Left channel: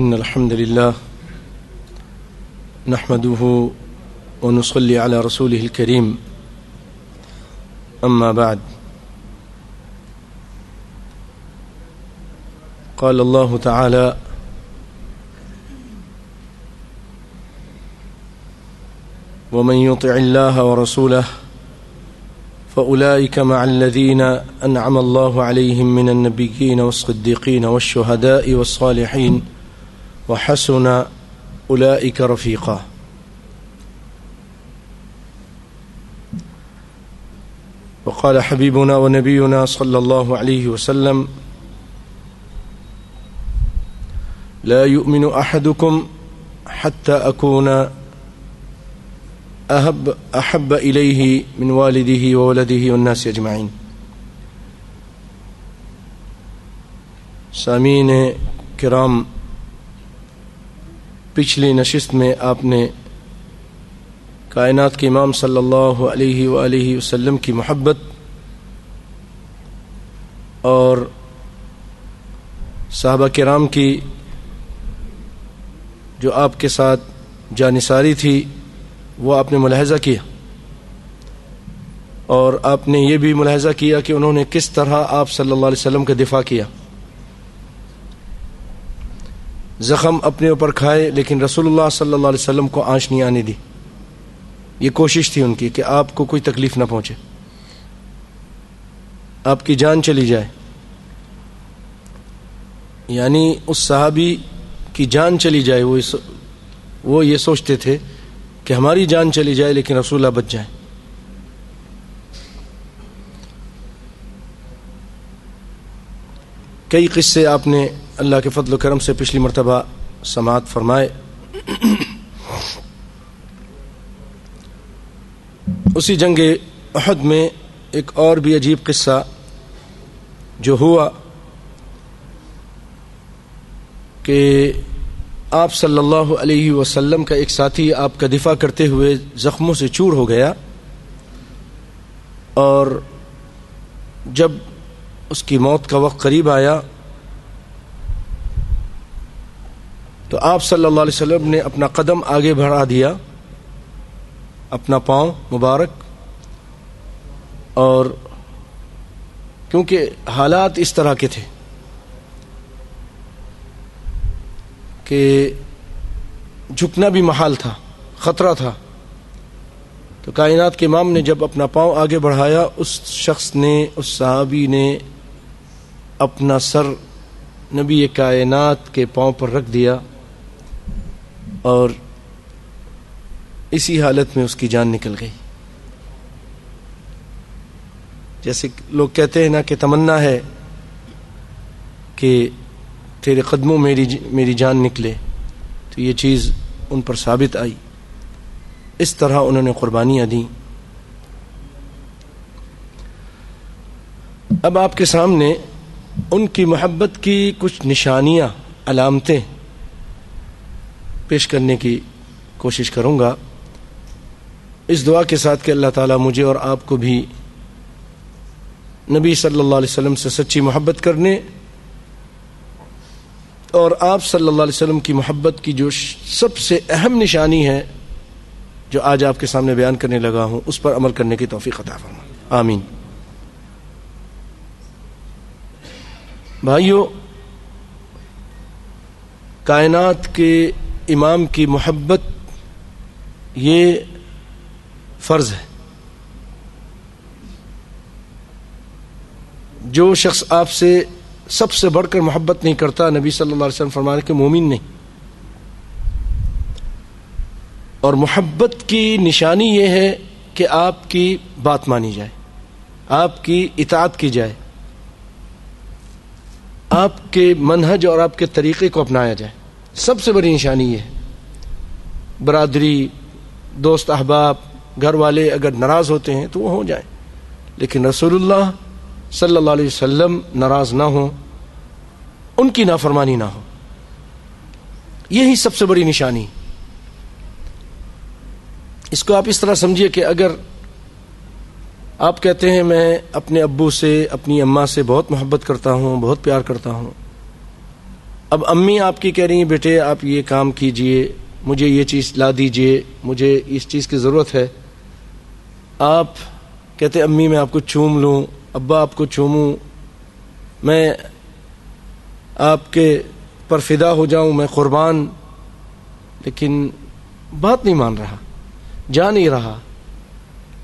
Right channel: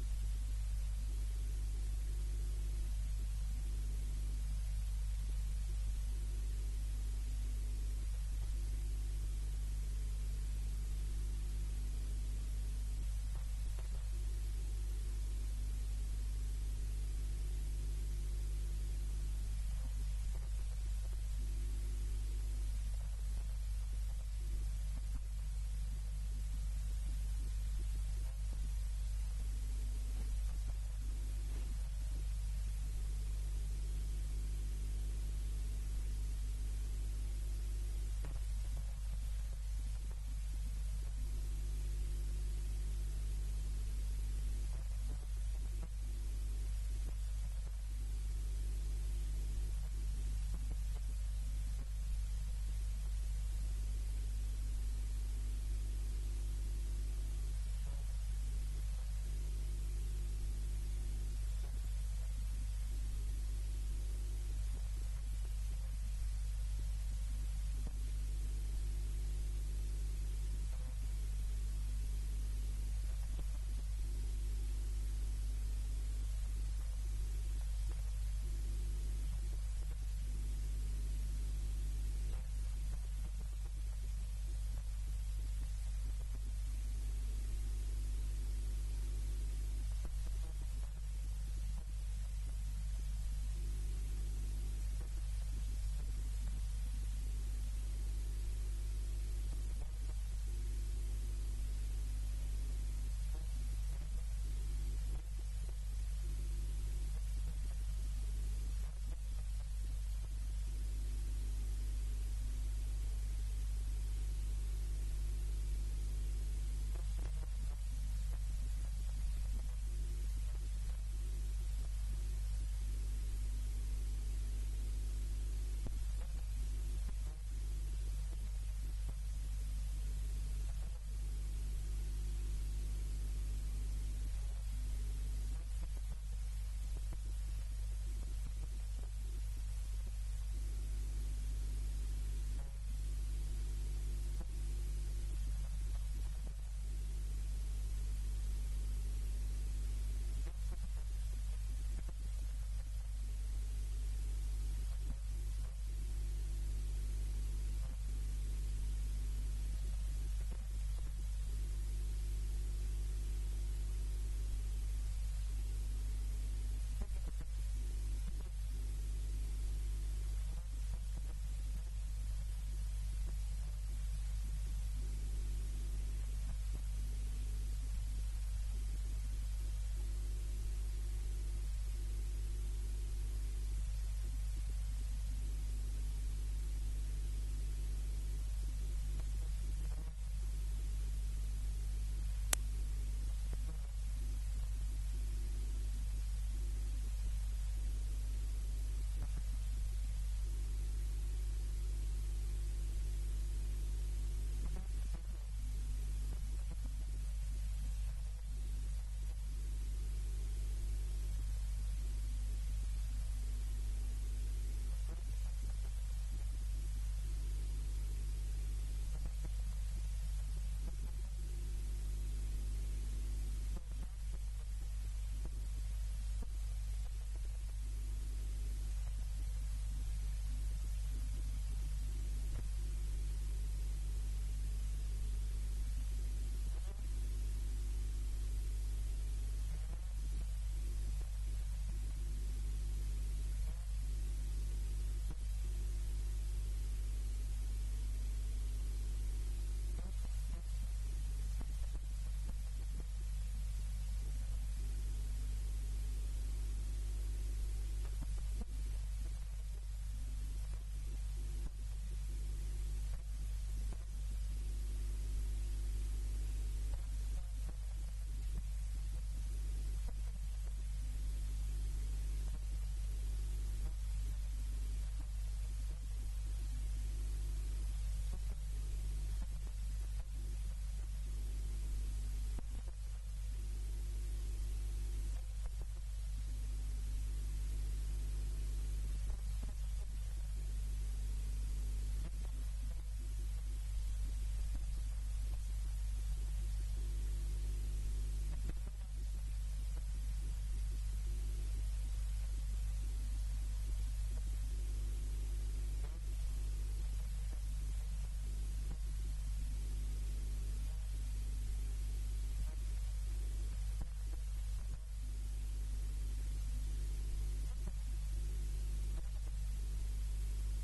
إن الحمد لله نحمده ونصلي على رسوله الكريم أما بعد قال الله تعالى ومن يطع الله ورسوله فأولئك مع الذين أنعم الله عليهم من النبيين والصديقين والشهداء والصالحين وحسن أولئك رفيقا. وقال حبيبنا ونبينا صلى الله عليه وسلم لا يؤمن أحدكم حتى أكون أحب إليه من والده وولده والناس أجمعين. سامعین کرام، پچھلی نشست میں آپ نے کائنات کے امام صلی اللہ علیہ وآلہ وسلم کی محبت اور صحابہ کرام کی جو آپ کے ساتھ جانثاری تھی وہ آپ نے ملاحظہ کیا، اور آپ نے یہ بھی ملاحظہ کیا کہ انہوں نے کس طرح آپ صلی اللہ علیہ وسلم کا دفاع کیا. زخم اپنے اوپر کھائے لیکن رسول اللہ صلی اللہ علیہ وسلم کو آنچ نہیں آنے دی. یہ کوشش تھی ان کی کہ آپ کو کوئی تکلیف نہ پہنچے، آپ کی جان چلی جائے. یعنی اس صحابی کی جان چلی جائے، وہ یہ سوچتے تھے کہ ہماری جان چلی جائے لیکن رسول اللہ بچ جائیں. کئی قصے آپ نے اللہ کے فضل و کرم سے پچھلی مرتبہ سماعت فرمائے. اسی جنگ احد میں ایک اور بھی عجیب قصہ جو ہوا کہ آپ صلی اللہ علیہ وسلم کا ایک ساتھی آپ کا دفاع کرتے ہوئے زخموں سے چور ہو گیا، اور جب اس کی موت کا وقت قریب آیا تو آپ صلی اللہ علیہ وسلم نے اپنا قدم آگے بڑھا دیا، اپنا پاؤں مبارک، اور کیونکہ حالات اس طرح کے تھے کہ جھکنا بھی محال تھا، خطرہ تھا، تو کائنات کے امام نے جب اپنا پاؤں آگے بڑھایا، اس شخص نے، اس صحابی نے اپنا سر نبی کائنات کے پاؤں پر رکھ دیا، اور اسی حالت میں اس کی جان نکل گئی. جیسے لوگ کہتے ہیں نا کہ تمنا ہے کہ تیرے قدموں میری جان نکلے، تو یہ چیز ان پر ثابت آئی. اس طرح انہوں نے قربانیاں دیں. اب آپ کے سامنے ان کی محبت کی کچھ نشانیاں، علامتیں پیش کرنے کی کوشش کروں گا، اس دعا کے ساتھ کہ اللہ تعالیٰ مجھے اور آپ کو بھی نبی صلی اللہ علیہ وسلم سے سچی محبت کرنے اور آپ صلی اللہ علیہ وسلم کی محبت کی جو سب سے اہم نشانی ہے جو آج آپ کے سامنے بیان کرنے لگا ہوں، اس پر عمل کرنے کی توفیق عطا فرمائے. آمین. بھائیو، کائنات کے امام کی محبت یہ فرض ہے. جو شخص آپ سے سب سے بڑھ کر محبت نہیں کرتا، نبی صلی اللہ علیہ وسلم فرمانے کہ مومن نہیں. اور محبت کی نشانی یہ ہے کہ آپ کی بات مانی جائے، آپ کی اطاعت کی جائے، آپ کے منہج اور آپ کے طریقے کو اپنایا جائے. سب سے بڑی نشانی یہ ہے. برادری، دوست احباب، گھر والے اگر ناراض ہوتے ہیں تو وہ ہو جائیں، لیکن رسول اللہ صلی اللہ علیہ وسلم ناراض نہ ہوں، ان کی نافرمانی نہ ہو. یہی سب سے بڑی نشانی. اس کو آپ اس طرح سمجھیے کہ اگر آپ کہتے ہیں میں اپنے ابو سے، اپنی اماں سے بہت محبت کرتا ہوں، بہت پیار کرتا ہوں، اب امی آپ کی کہہ رہی ہیں بیٹے آپ یہ کام کیجئے، مجھے یہ چیز لا دیجئے، مجھے اس چیز کی ضرورت ہے. آپ کہتے امی میں آپ کو چوم لوں، ابا آپ کو چوموں، میں آپ کے پر فدا ہو جاؤں، میں قربان. لیکن بات نہیں مان رہا، جا نہیں رہا.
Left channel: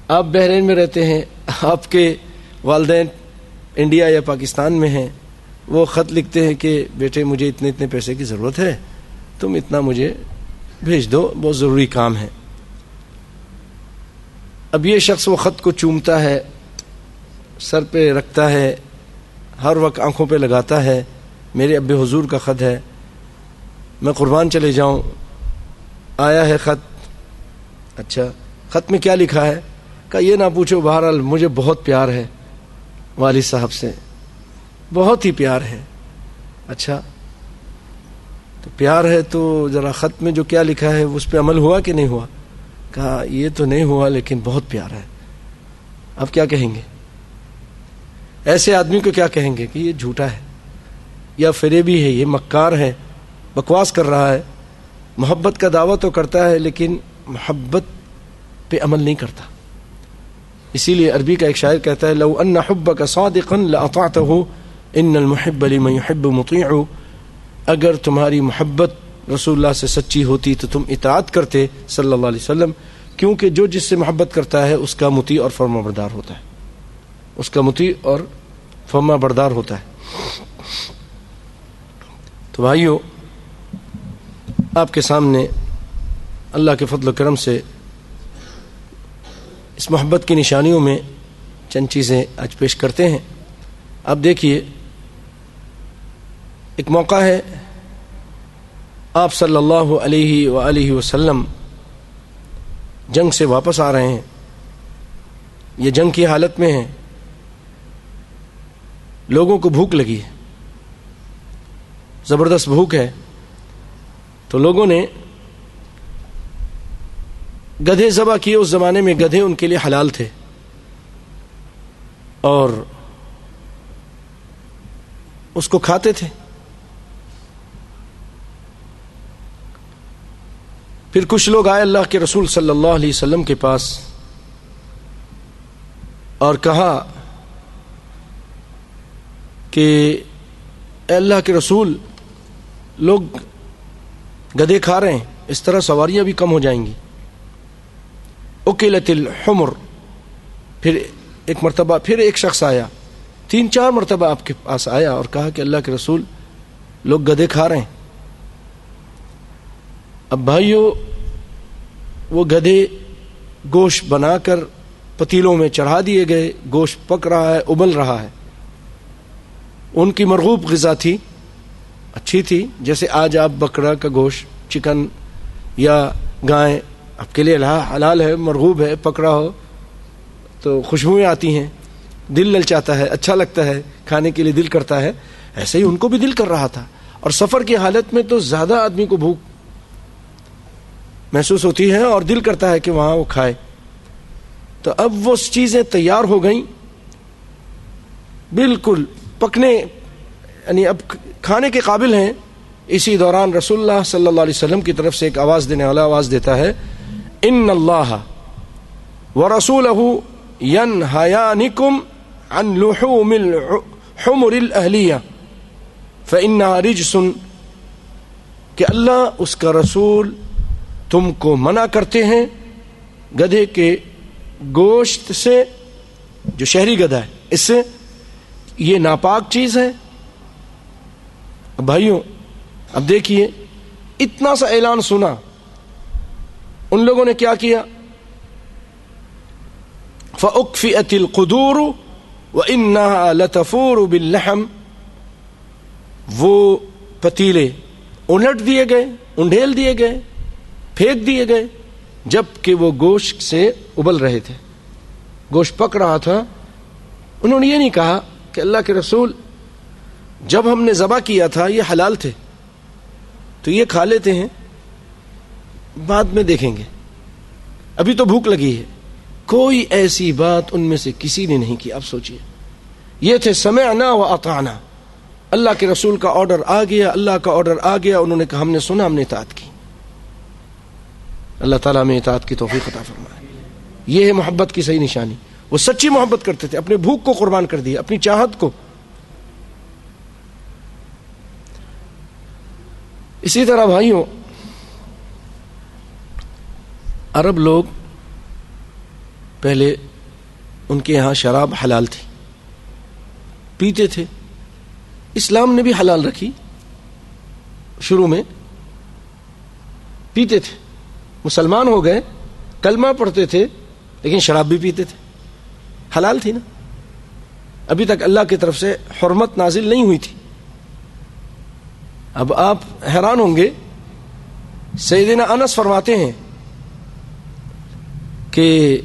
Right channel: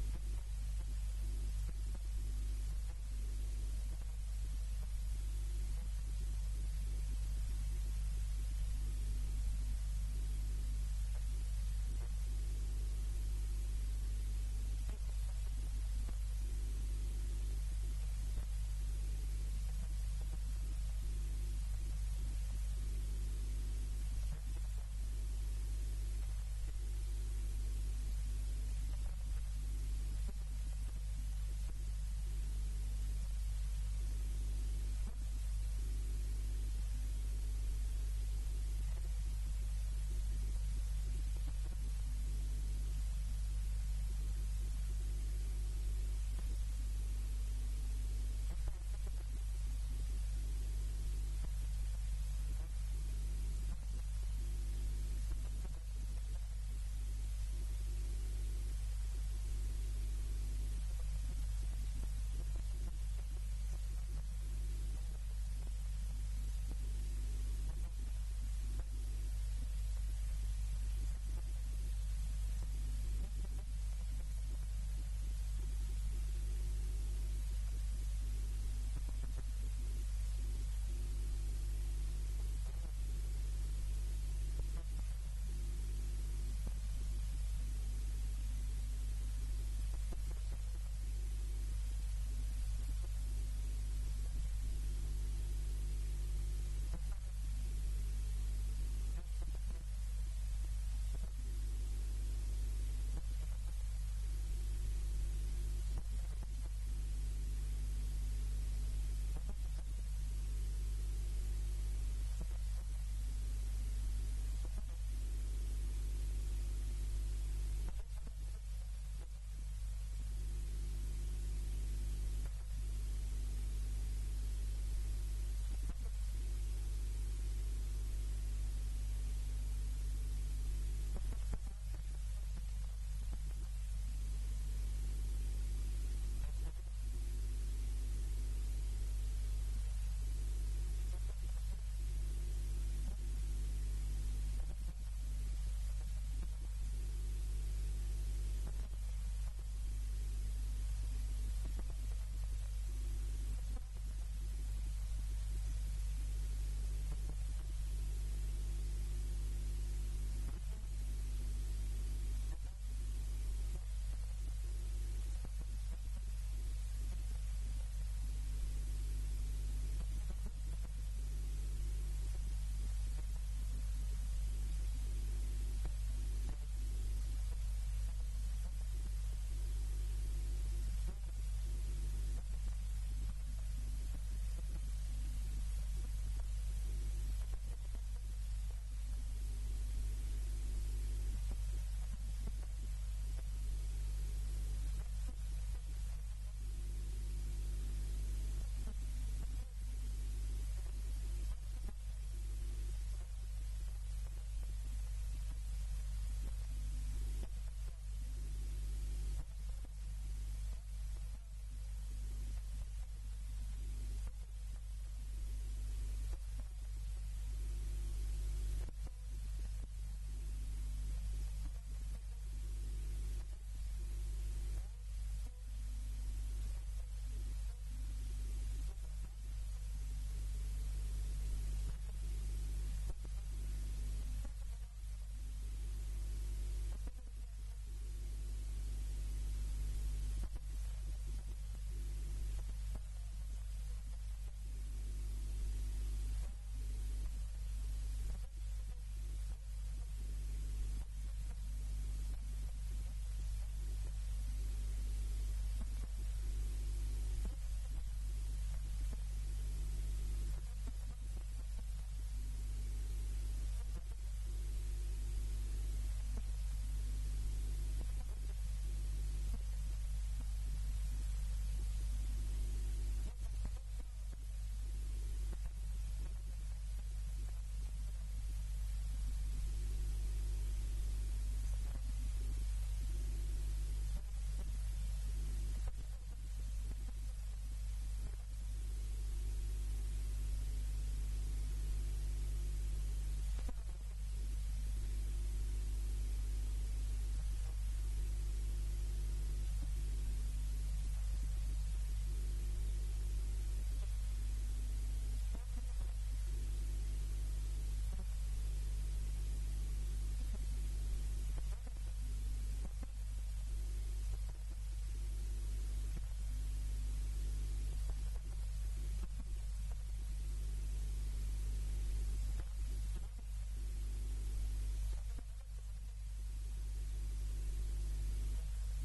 آپ بحرین میں رہتے ہیں، آپ کے والدین انڈیا یا پاکستان میں ہیں، وہ خط لکھتے ہیں کہ بیٹے مجھے اتنے اتنے پیسے کی ضرورت ہے، تم اتنا مجھے بھیج دو، بہت ضروری کام ہے. اب یہ شخص وہ خط کو چومتا ہے، سر پہ رکھتا ہے، ہر وقت آنکھوں پہ لگاتا ہے، میرے ابے حضور کا خط ہے، میں قربان چلے جاؤں. آیا ہے خط. اچھا خط میں کیا لکھا ہے؟ کہ یہ نہ پوچھو، بہرحال مجھے بہت پیار ہے والد صاحب سے، بہت ہی پیار ہے. اچھا تو پیار ہے تو ذرا خط میں جو کیا لکھا ہے اس پہ عمل ہوا کہ نہیں ہوا؟ کہا یہ تو نہیں ہوا لیکن بہت پیار ہے. اب کیا کہیں گے ایسے آدمی کو؟ کیا کہیں گے کہ یہ جھوٹا ہے یا فریبی ہے، یہ مکار ہے، بکواس کر رہا ہے. محبت کا دعویٰ تو کرتا ہے لیکن محبت پہ عمل نہیں کرتا. اسی لیے عربی کا ایک شاعر کہتا ہے لو ان حبک صادقا لاطعتہ ان المحب لمن يحب مطیع. اگر تمہاری محبت رسول اللہ سے سچی ہوتی تو تم اطاعت کرتے صلی اللہ علیہ وسلم، کیونکہ جو جس سے محبت کرتا ہے اس کا مطیع اور فرما بردار ہوتا ہے، اس کا مطیع اور فرما بردار ہوتا ہے. تو بھائیو، آپ کے سامنے اللہ کے فضل و کرم سے اس محبت کی نشانیوں میں چند چیزیں آج پیش کرتے ہیں. آپ دیکھیے، ایک موقع ہے، آپ صلی اللہ علیہ وآلہ وسلم جنگ سے واپس آ رہے ہیں، یہ جنگ کی حالت میں ہیں، لوگوں کو بھوک لگی ہے، زبردست بھوک ہے. تو لوگوں نے گدھے ذبح کیے. اس زمانے میں گدھے ان کے لیے حلال تھے، اور اس کو کھاتے تھے. پھر کچھ لوگ آئے اللہ کے رسول صلی اللہ علیہ وسلم کے پاس اور کہا کہ اے اللہ کے رسول، لوگ گدھے کھا رہے ہیں، اس طرح سواریاں بھی کم ہو جائیں گی. اکلت الحمر. پھر ایک مرتبہ پھر ایک شخص آیا، 3-4 مرتبہ آپ کے پاس آیا اور کہا کہ اللہ کے رسول، لوگ گدھے کھا رہے ہیں. اب بھائیو، وہ گدھے گوشت بنا کر پتیلوں میں چڑھا دیے گئے، گوشت پک رہا ہے، ابل رہا ہے. ان کی مرغوب غذا تھی، اچھی تھی. جیسے آج آپ بکرا کا گوشت، چکن یا گائے آپ کے لیے حلال ہے، مرغوب ہے، پکڑا ہو تو خوشبوئیں آتی ہیں، دل للچاتا ہے، اچھا لگتا ہے، کھانے کے لیے دل کرتا ہے. ایسے ہی ان کو بھی دل کر رہا تھا. اور سفر کی حالت میں تو زیادہ آدمی کو بھوک محسوس ہوتی ہے اور دل کرتا ہے کہ وہاں وہ کھائے. تو اب وہ چیزیں تیار ہو گئیں، بالکل پکنے، یعنی اب کھانے کے قابل ہیں. اسی دوران رسول اللہ صلی اللہ علیہ وسلم کی طرف سے ایک آواز دینے والا آواز دیتا ہے، ان اللہ ورسولہ ینہیانکم عن لحوم الحمر الاہلیہ فإنہا رجس. کہ اللہ اس کا رسول تم کو منع کرتے ہیں گدھے کے گوشت سے، جو شہری گدھا ہے، اس سے، یہ ناپاک چیز ہے. بھائیوں اب دیکھیے، اتنا سا اعلان سنا، ان لوگوں نے کیا کیا؟ فَأُكْفِئَتِ الْقُدُورُ وَإِنَّهَا لَتَفُورُ بِاللَّحْمِ. وہ پتیلے الٹ دیے گئے، انڈھیل دیے گئے، پھینک دیے گئے، جبکہ وہ گوشت سے ابل رہے تھے، گوشت پک رہا تھا. انہوں نے یہ نہیں کہا کہ اللہ کے رسول، جب ہم نے ذبح کیا تھا یہ حلال تھے تو یہ کھا لیتے ہیں، بعد میں دیکھیں گے، ابھی تو بھوک لگی ہے. کوئی ایسی بات ان میں سے کسی نے نہیں کی. آپ سوچئے، یہ تھے سمعنا و اطعنا، اللہ کے رسول کا آرڈر آ گیا، اللہ کا آرڈر آ گیا، انہوں نے کہا ہم نے سنا، ہم نے اطاعت کی۔ اللہ تعالیٰ میں اطاعت کی توفیق عطا فرمائے۔ یہ ہے محبت کی صحیح نشانی۔ وہ سچی محبت کرتے تھے، اپنے بھوک کو قربان کر دیا، اپنی چاہت کو۔ اسی طرح بھائیوں، عرب لوگ پہلے ان کے یہاں شراب حلال تھی، پیتے تھے۔ اسلام نے بھی حلال رکھی، شروع میں پیتے تھے، مسلمان ہو گئے، کلمہ پڑھتے تھے، لیکن شراب بھی پیتے تھے، حلال تھی نا، ابھی تک اللہ کی طرف سے حرمت نازل نہیں ہوئی تھی۔ اب آپ حیران ہوں گے، سیدنا انس فرماتے ہیں کہ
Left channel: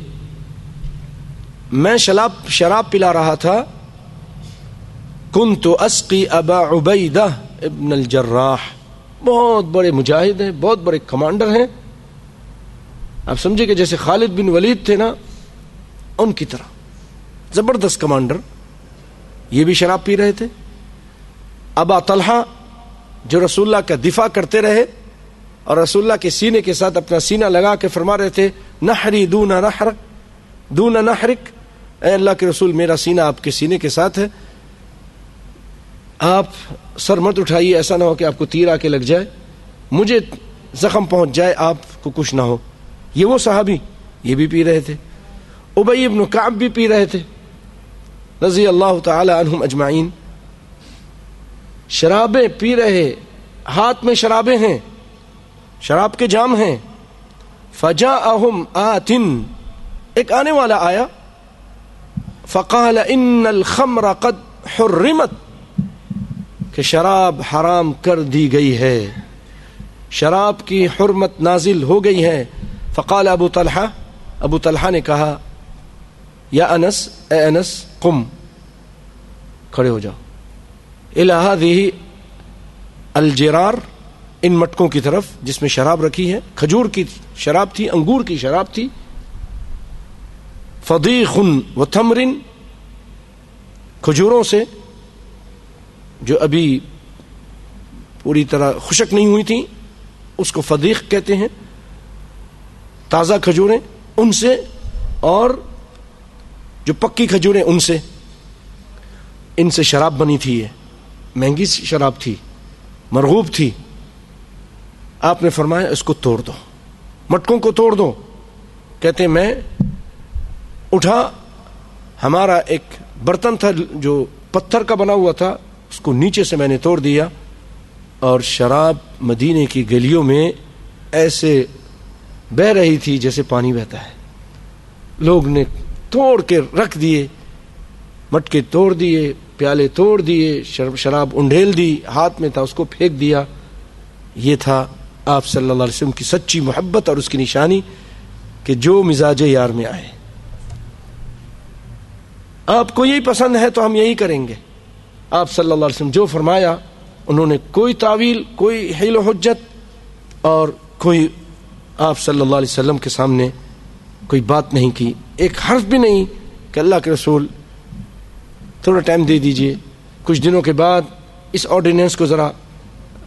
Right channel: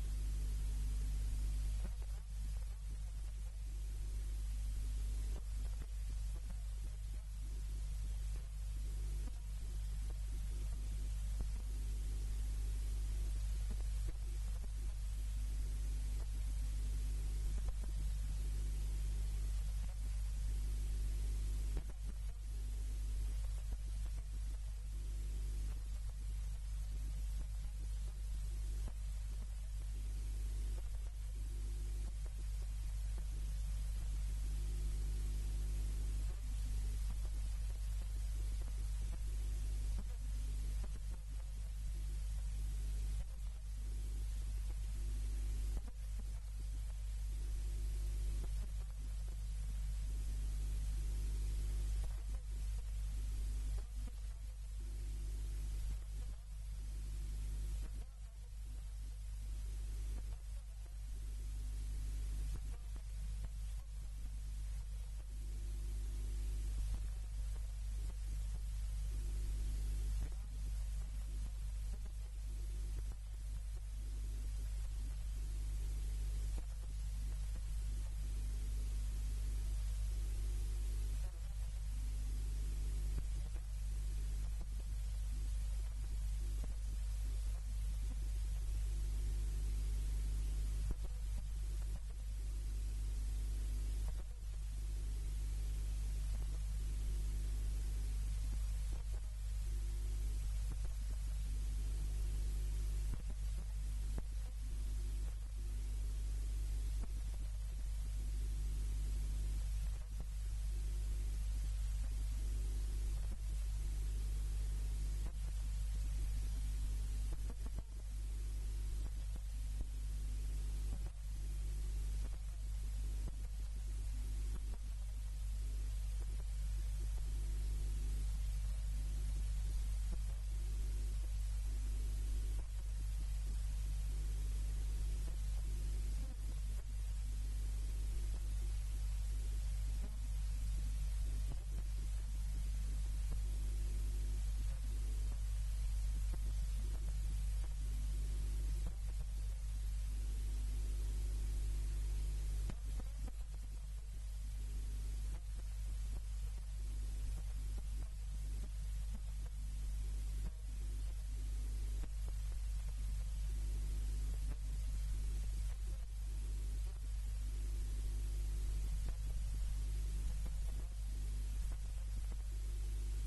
میں شراب پلا رہا تھا، کنت اسقی ابا عبیدہ ابن الجراح، بہت بڑے مجاہد ہیں، بہت بڑے کمانڈر ہیں، آپ سمجھے کہ جیسے خالد بن ولید تھے نا، ان کی طرح زبردست کمانڈر، یہ بھی شراب پی رہے تھے۔ ابا طلحہ جو رسول اللہ کا دفاع کرتے رہے اور رسول اللہ کے سینے کے ساتھ اپنا سینہ لگا کے فرما رہے تھے نحری دون نحرک، اے اللہ کے رسول میرا سینہ آپ کے سینے کے ساتھ ہے، آپ سر مت اٹھائیے، ایسا نہ ہو کہ آپ کو تیر آ کے لگ جائے، مجھے زخم پہنچ جائے، آپ کو کچھ نہ ہو۔ یہ وہ صحابی، یہ بھی پی رہے تھے۔ ابی بن کعب بھی پی رہے تھے رضی اللہ تعالی عنہم اجمعین، شرابیں پی رہے، ہاتھ میں شرابیں ہیں، شراب کے جام ہیں۔ فجاءہم آت، ایک آنے والا آیا، فقال ان الخمر قد حرمت، کہ شراب حرام کر دی گئی ہے، شراب کی حرمت نازل ہو گئی ہے۔ فقال ابو طلحہ نے کہا یا انس، اے انس قم، کھڑے ہو جاؤ، الی ہذہ الجرار، ان مٹکوں کی طرف جس میں شراب رکھی ہے، کھجور کی شراب تھی، انگور کی شراب تھی، فضیخ و تمر، کھجوروں سے جو ابھی پوری طرح خشک نہیں ہوئی تھی، اس کو فضیخ کہتے ہیں، تازہ کھجوریں ان سے، اور جو پکی کھجوریں ان سے شراب بنی تھی، یہ مہنگی شراب تھی، مرغوب تھی۔ آپ نے فرمایا اس کو توڑ دو، مٹکوں کو توڑ دو۔ کہتے میں اٹھا، ہمارا ایک برتن تھا جو پتھر کا بنا ہوا تھا، اس کو نیچے سے میں نے توڑ دیا، اور شراب مدینے کی گلیوں میں ایسے بہ رہی تھی جیسے پانی بہتا ہے۔ لوگ نے توڑ کے رکھ دیے، مٹکے توڑ دیے، پیالے توڑ دیے، شراب انڈھیل دی، ہاتھ میں تھا اس کو پھینک دیا۔ یہ تھا آپ صلی اللہ علیہ وسلم کی سچی محبت اور اس کی نشانی کہ جو مزاج یار میں آئے، آپ کو یہی پسند ہے تو ہم یہی کریں گے۔ آپ صلی اللہ علیہ وسلم جو فرمایا، انہوں نے کوئی تعویل، کوئی حیل و حجت، اور کوئی آپ صلی اللہ علیہ وسلم کے سامنے کوئی بات نہیں کی، ایک حرف بھی نہیں کہ اللہ کے رسول تھوڑا ٹائم دے دیجئے، کچھ دنوں کے بعد اس آرڈیننس کو ذرا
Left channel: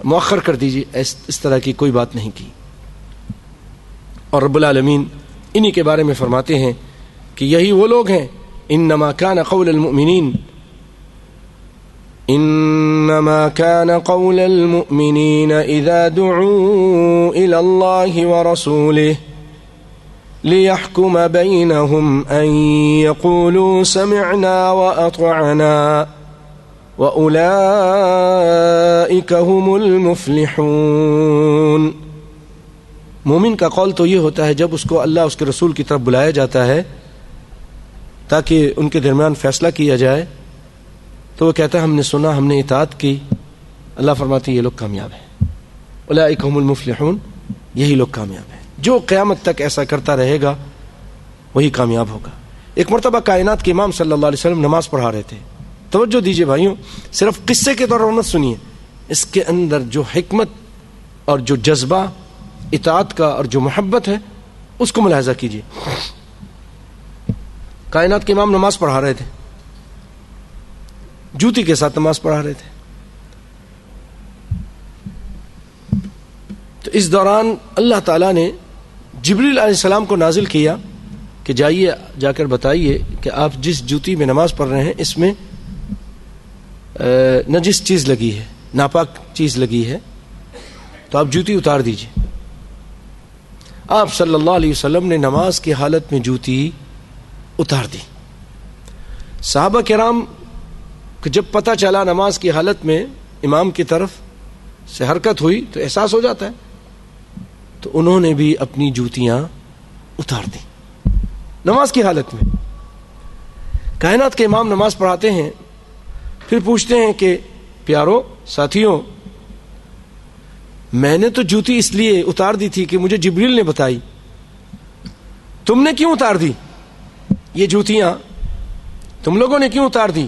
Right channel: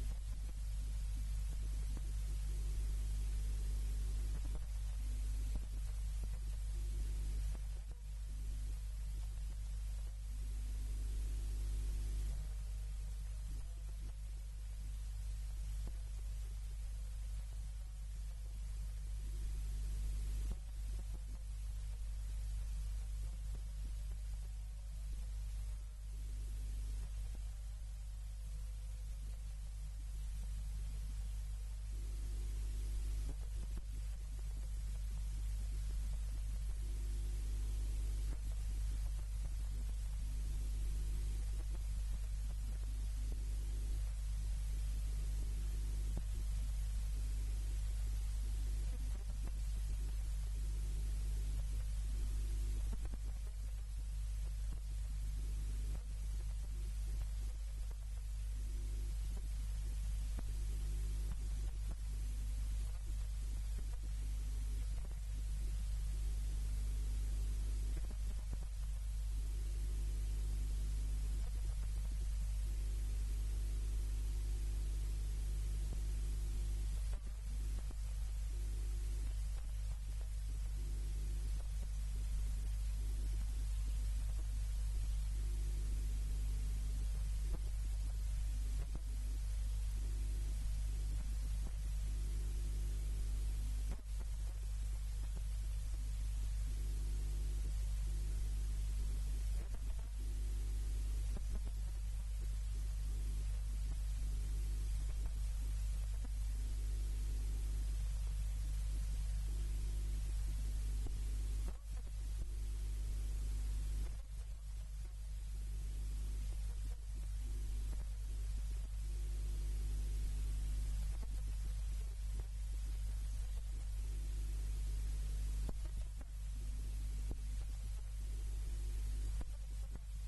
مؤخر کر دیجئے، اس طرح کی کوئی بات نہیں کی۔ اور رب العالمین انہی کے بارے میں فرماتے ہیں کہ یہی وہ لوگ ہیں، انما كان قول المؤمنین اذا دعوا الى اللہ ورسولہ ليحكم بينهم أن يقولوا سمعنا وأطعنا وأولئك هم المفلحون۔ مومن کا قول تو یہ ہوتا ہے جب اس کو اللہ اس کے رسول کی طرف بلایا جاتا ہے تاکہ ان کے درمیان فیصلہ کیا جائے، تو وہ کہتا ہے ہم نے سنا، ہم نے اطاعت کی۔ اللہ فرماتے ہیں یہ لوگ کامیاب ہیں، اولئک هم المفلحون، یہی لوگ کامیاب ہیں۔ جو قیامت تک ایسا کرتا رہے گا وہی کامیاب ہوگا۔ ایک مرتبہ کائنات کے امام صلی اللہ علیہ وسلم نماز پڑھا رہے تھے، توجہ دیجئے بھائیوں، صرف قصے کے طور پر مت سنیے، اس کے اندر جو حکمت اور جو جذبہ اطاعت کا اور جو محبت ہے اس کو ملاحظہ کیجئے۔ کائنات کے امام نماز پڑھا رہے تھے، جوتی کے ساتھ نماز پڑھا رہے تھے، تو اس دوران اللہ تعالیٰ نے جبریل علیہ السلام کو نازل کیا کہ جائیے جا کر بتائیے کہ آپ جس جوتی میں نماز پڑھ رہے ہیں اس میں نجس چیز لگی ہے، ناپاک چیز لگی ہے، تو آپ جوتی اتار دیجیے۔ آپ صلی اللہ علیہ وسلم نے نماز کی حالت میں جوتی اتار دی۔ صحابہ کرام کہ جب پتہ چلا نماز کی حالت میں امام کی طرف سے حرکت ہوئی تو احساس ہو جاتا ہے، تو انہوں نے بھی اپنی جوتیاں اتار دی نماز کی حالت میں۔ کائنات کے امام نماز پڑھاتے ہیں، پھر پوچھتے ہیں کہ پیارو ساتھیوں، میں نے تو جوتی اس لیے اتار دی تھی کہ مجھے جبریل نے بتائی، تم نے کیوں اتار دی یہ جوتیاں؟ تم لوگوں نے کیوں اتار دی؟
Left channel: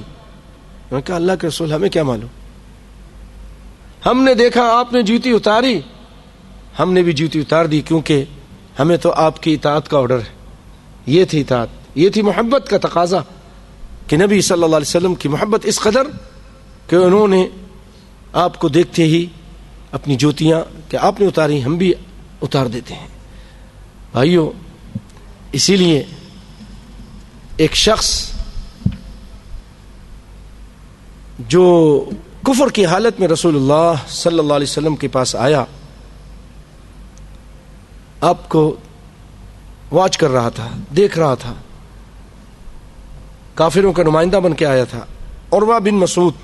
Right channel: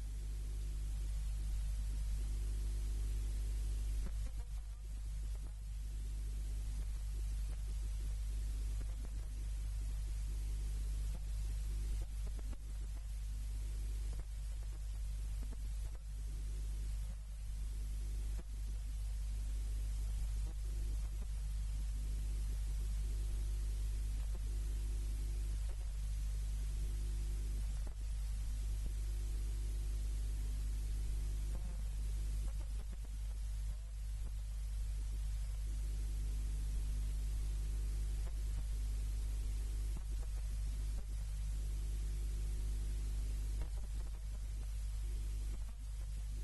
میں کہا اللہ کے رسول ہمیں کیا معلوم، ہم نے دیکھا آپ نے جوتی اتاری، ہم نے بھی جوتی اتار دی، کیونکہ ہمیں تو آپ کی اطاعت کا آرڈر ہے۔ یہ تھی اطاعت، یہ تھی محبت کا تقاضا کہ نبی صلی اللہ علیہ وسلم کی محبت اس قدر کہ انہوں نے آپ کو دیکھتے ہی اپنی جوتیاں کہ آپ نے اتاری ہم بھی اتار دیتے ہیں۔ بھائیو، اسی لیے ایک شخص جو کفر کی حالت میں رسول اللہ صلی اللہ علیہ وسلم کے پاس آیا، آپ کو واچ کر رہا تھا، دیکھ رہا تھا، کافروں کا نمائندہ بن کے آیا تھا، عروہ بن مسعود۔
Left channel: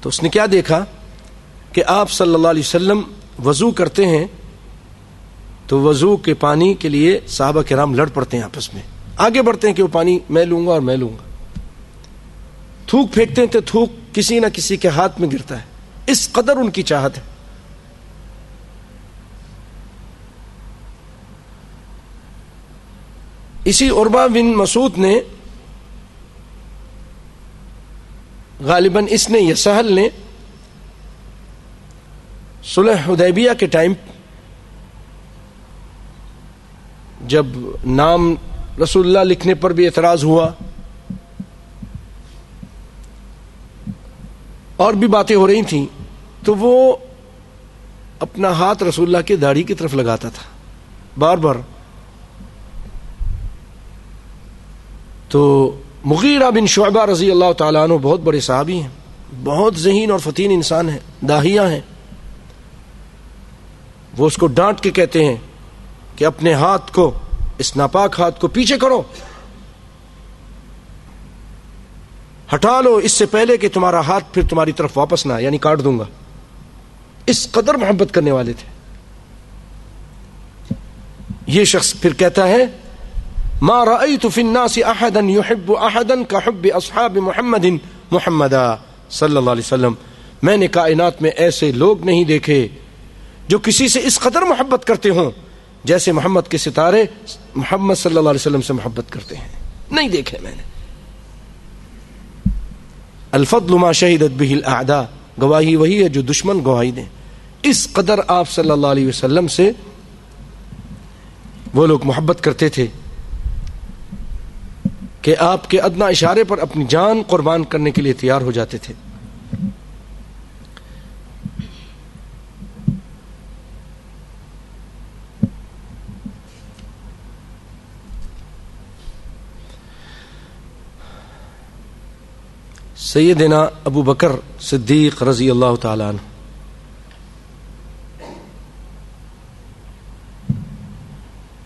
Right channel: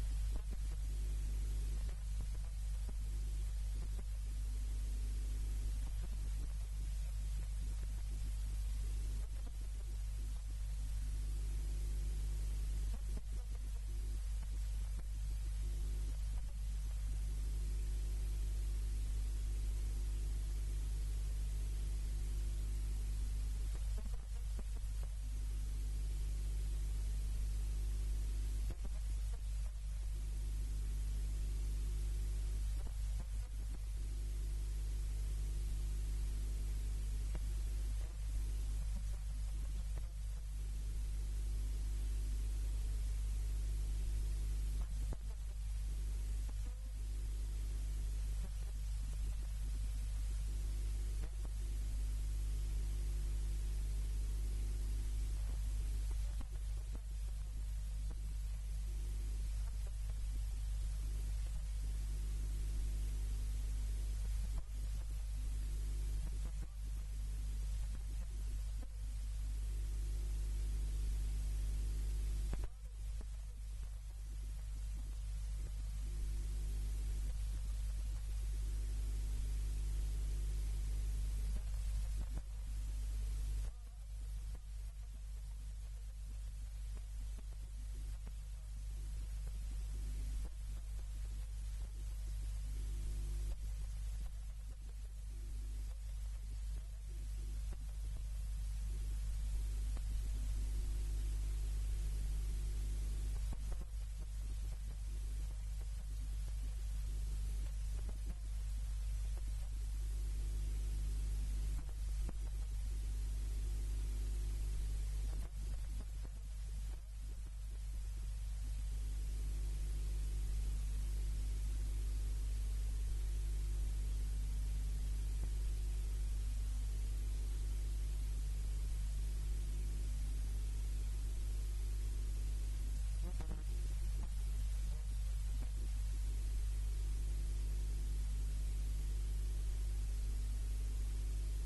تو اس نے کیا دیکھا کہ آپ صلی اللہ علیہ وسلم وضو کرتے ہیں تو وضو کے پانی کے لیے صحابہ کرام لڑ پڑتے ہیں، آپس میں آگے بڑھتے ہیں کہ وہ پانی میں لوں گا اور میں لوں گا، تھوک پھینکتے ہیں تو تھوک کسی نہ کسی کے ہاتھ میں گرتا ہے، اس قدر ان کی چاہت ہے۔ اسی عروہ بن مسعود نے غالباً اس نے یا سہل نے صلح حدیبیہ کے ٹائم جب نام رسول اللہ لکھنے پر بھی اعتراض ہوا اور بھی باتیں ہو رہی تھیں، تو وہ اپنا ہاتھ رسول اللہ کی داڑھی کی طرف لگاتا تھا بار بار۔ تو مغیرہ بن شعبہ رضی اللہ تعالیٰ عنہ بہت بڑے صحابی ہیں، بہت ذہین اور فتین انسان ہیں، داہیہ ہیں، وہ اس کو ڈانٹ کے کہتے ہیں کہ اپنے ہاتھ کو، اس ناپاک ہاتھ کو پیچھے کرو، ہٹا لو اس سے پہلے کہ تمہارا ہاتھ پھر تمہاری طرف واپس نہ آئے، یعنی کاٹ دوں گا۔ اس قدر محبت کرنے والے تھے۔ یہ شخص پھر کہتا ہے ما رأيت في الناس احدا يحب احدا كحب اصحاب محمد محمدا صلی اللہ علیہ وسلم، میں نے کائنات میں ایسے لوگ نہیں دیکھے جو کسی سے اس قدر محبت کرتے ہوں جیسے محمد کے ستارے محمد صلی اللہ علیہ وسلم سے محبت کرتے ہیں، نہیں دیکھے میں نے۔ الفضل ما شہدت به الاعداء، گواہی وہی ہے جو دشمن گواہی دیں۔ اس قدر آپ صلی اللہ علیہ وسلم سے وہ لوگ محبت کرتے تھے کہ آپ کے ادنی اشارے پر اپنی جان قربان کرنے کے لیے تیار ہو جاتے تھے۔ سیدنا ابو بکر صدیق رضی اللہ تعالیٰ عنہ،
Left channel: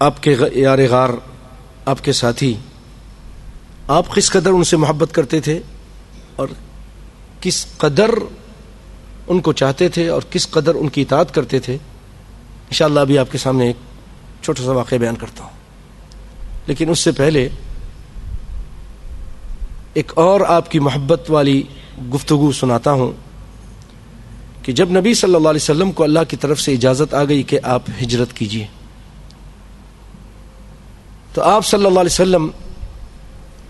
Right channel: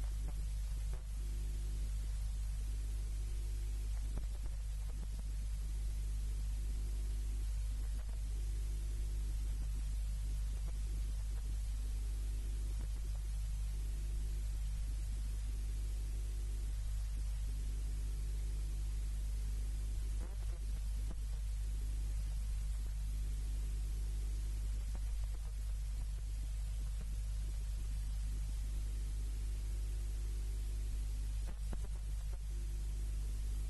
آپ کے یار غار، آپ کے ساتھی، آپ کس قدر ان سے محبت کرتے تھے اور کس قدر ان کو چاہتے تھے اور کس قدر ان کی اطاعت کرتے تھے، انشاءاللہ ابھی آپ کے سامنے ایک چھوٹا سا واقعہ بیان کرتا ہوں۔ لیکن اس سے پہلے ایک اور آپ کی محبت والی گفتگو سناتا ہوں کہ جب نبی صلی اللہ علیہ وسلم کو اللہ کی طرف سے اجازت آ گئی کہ آپ ہجرت کیجیے، تو آپ صلی اللہ علیہ وسلم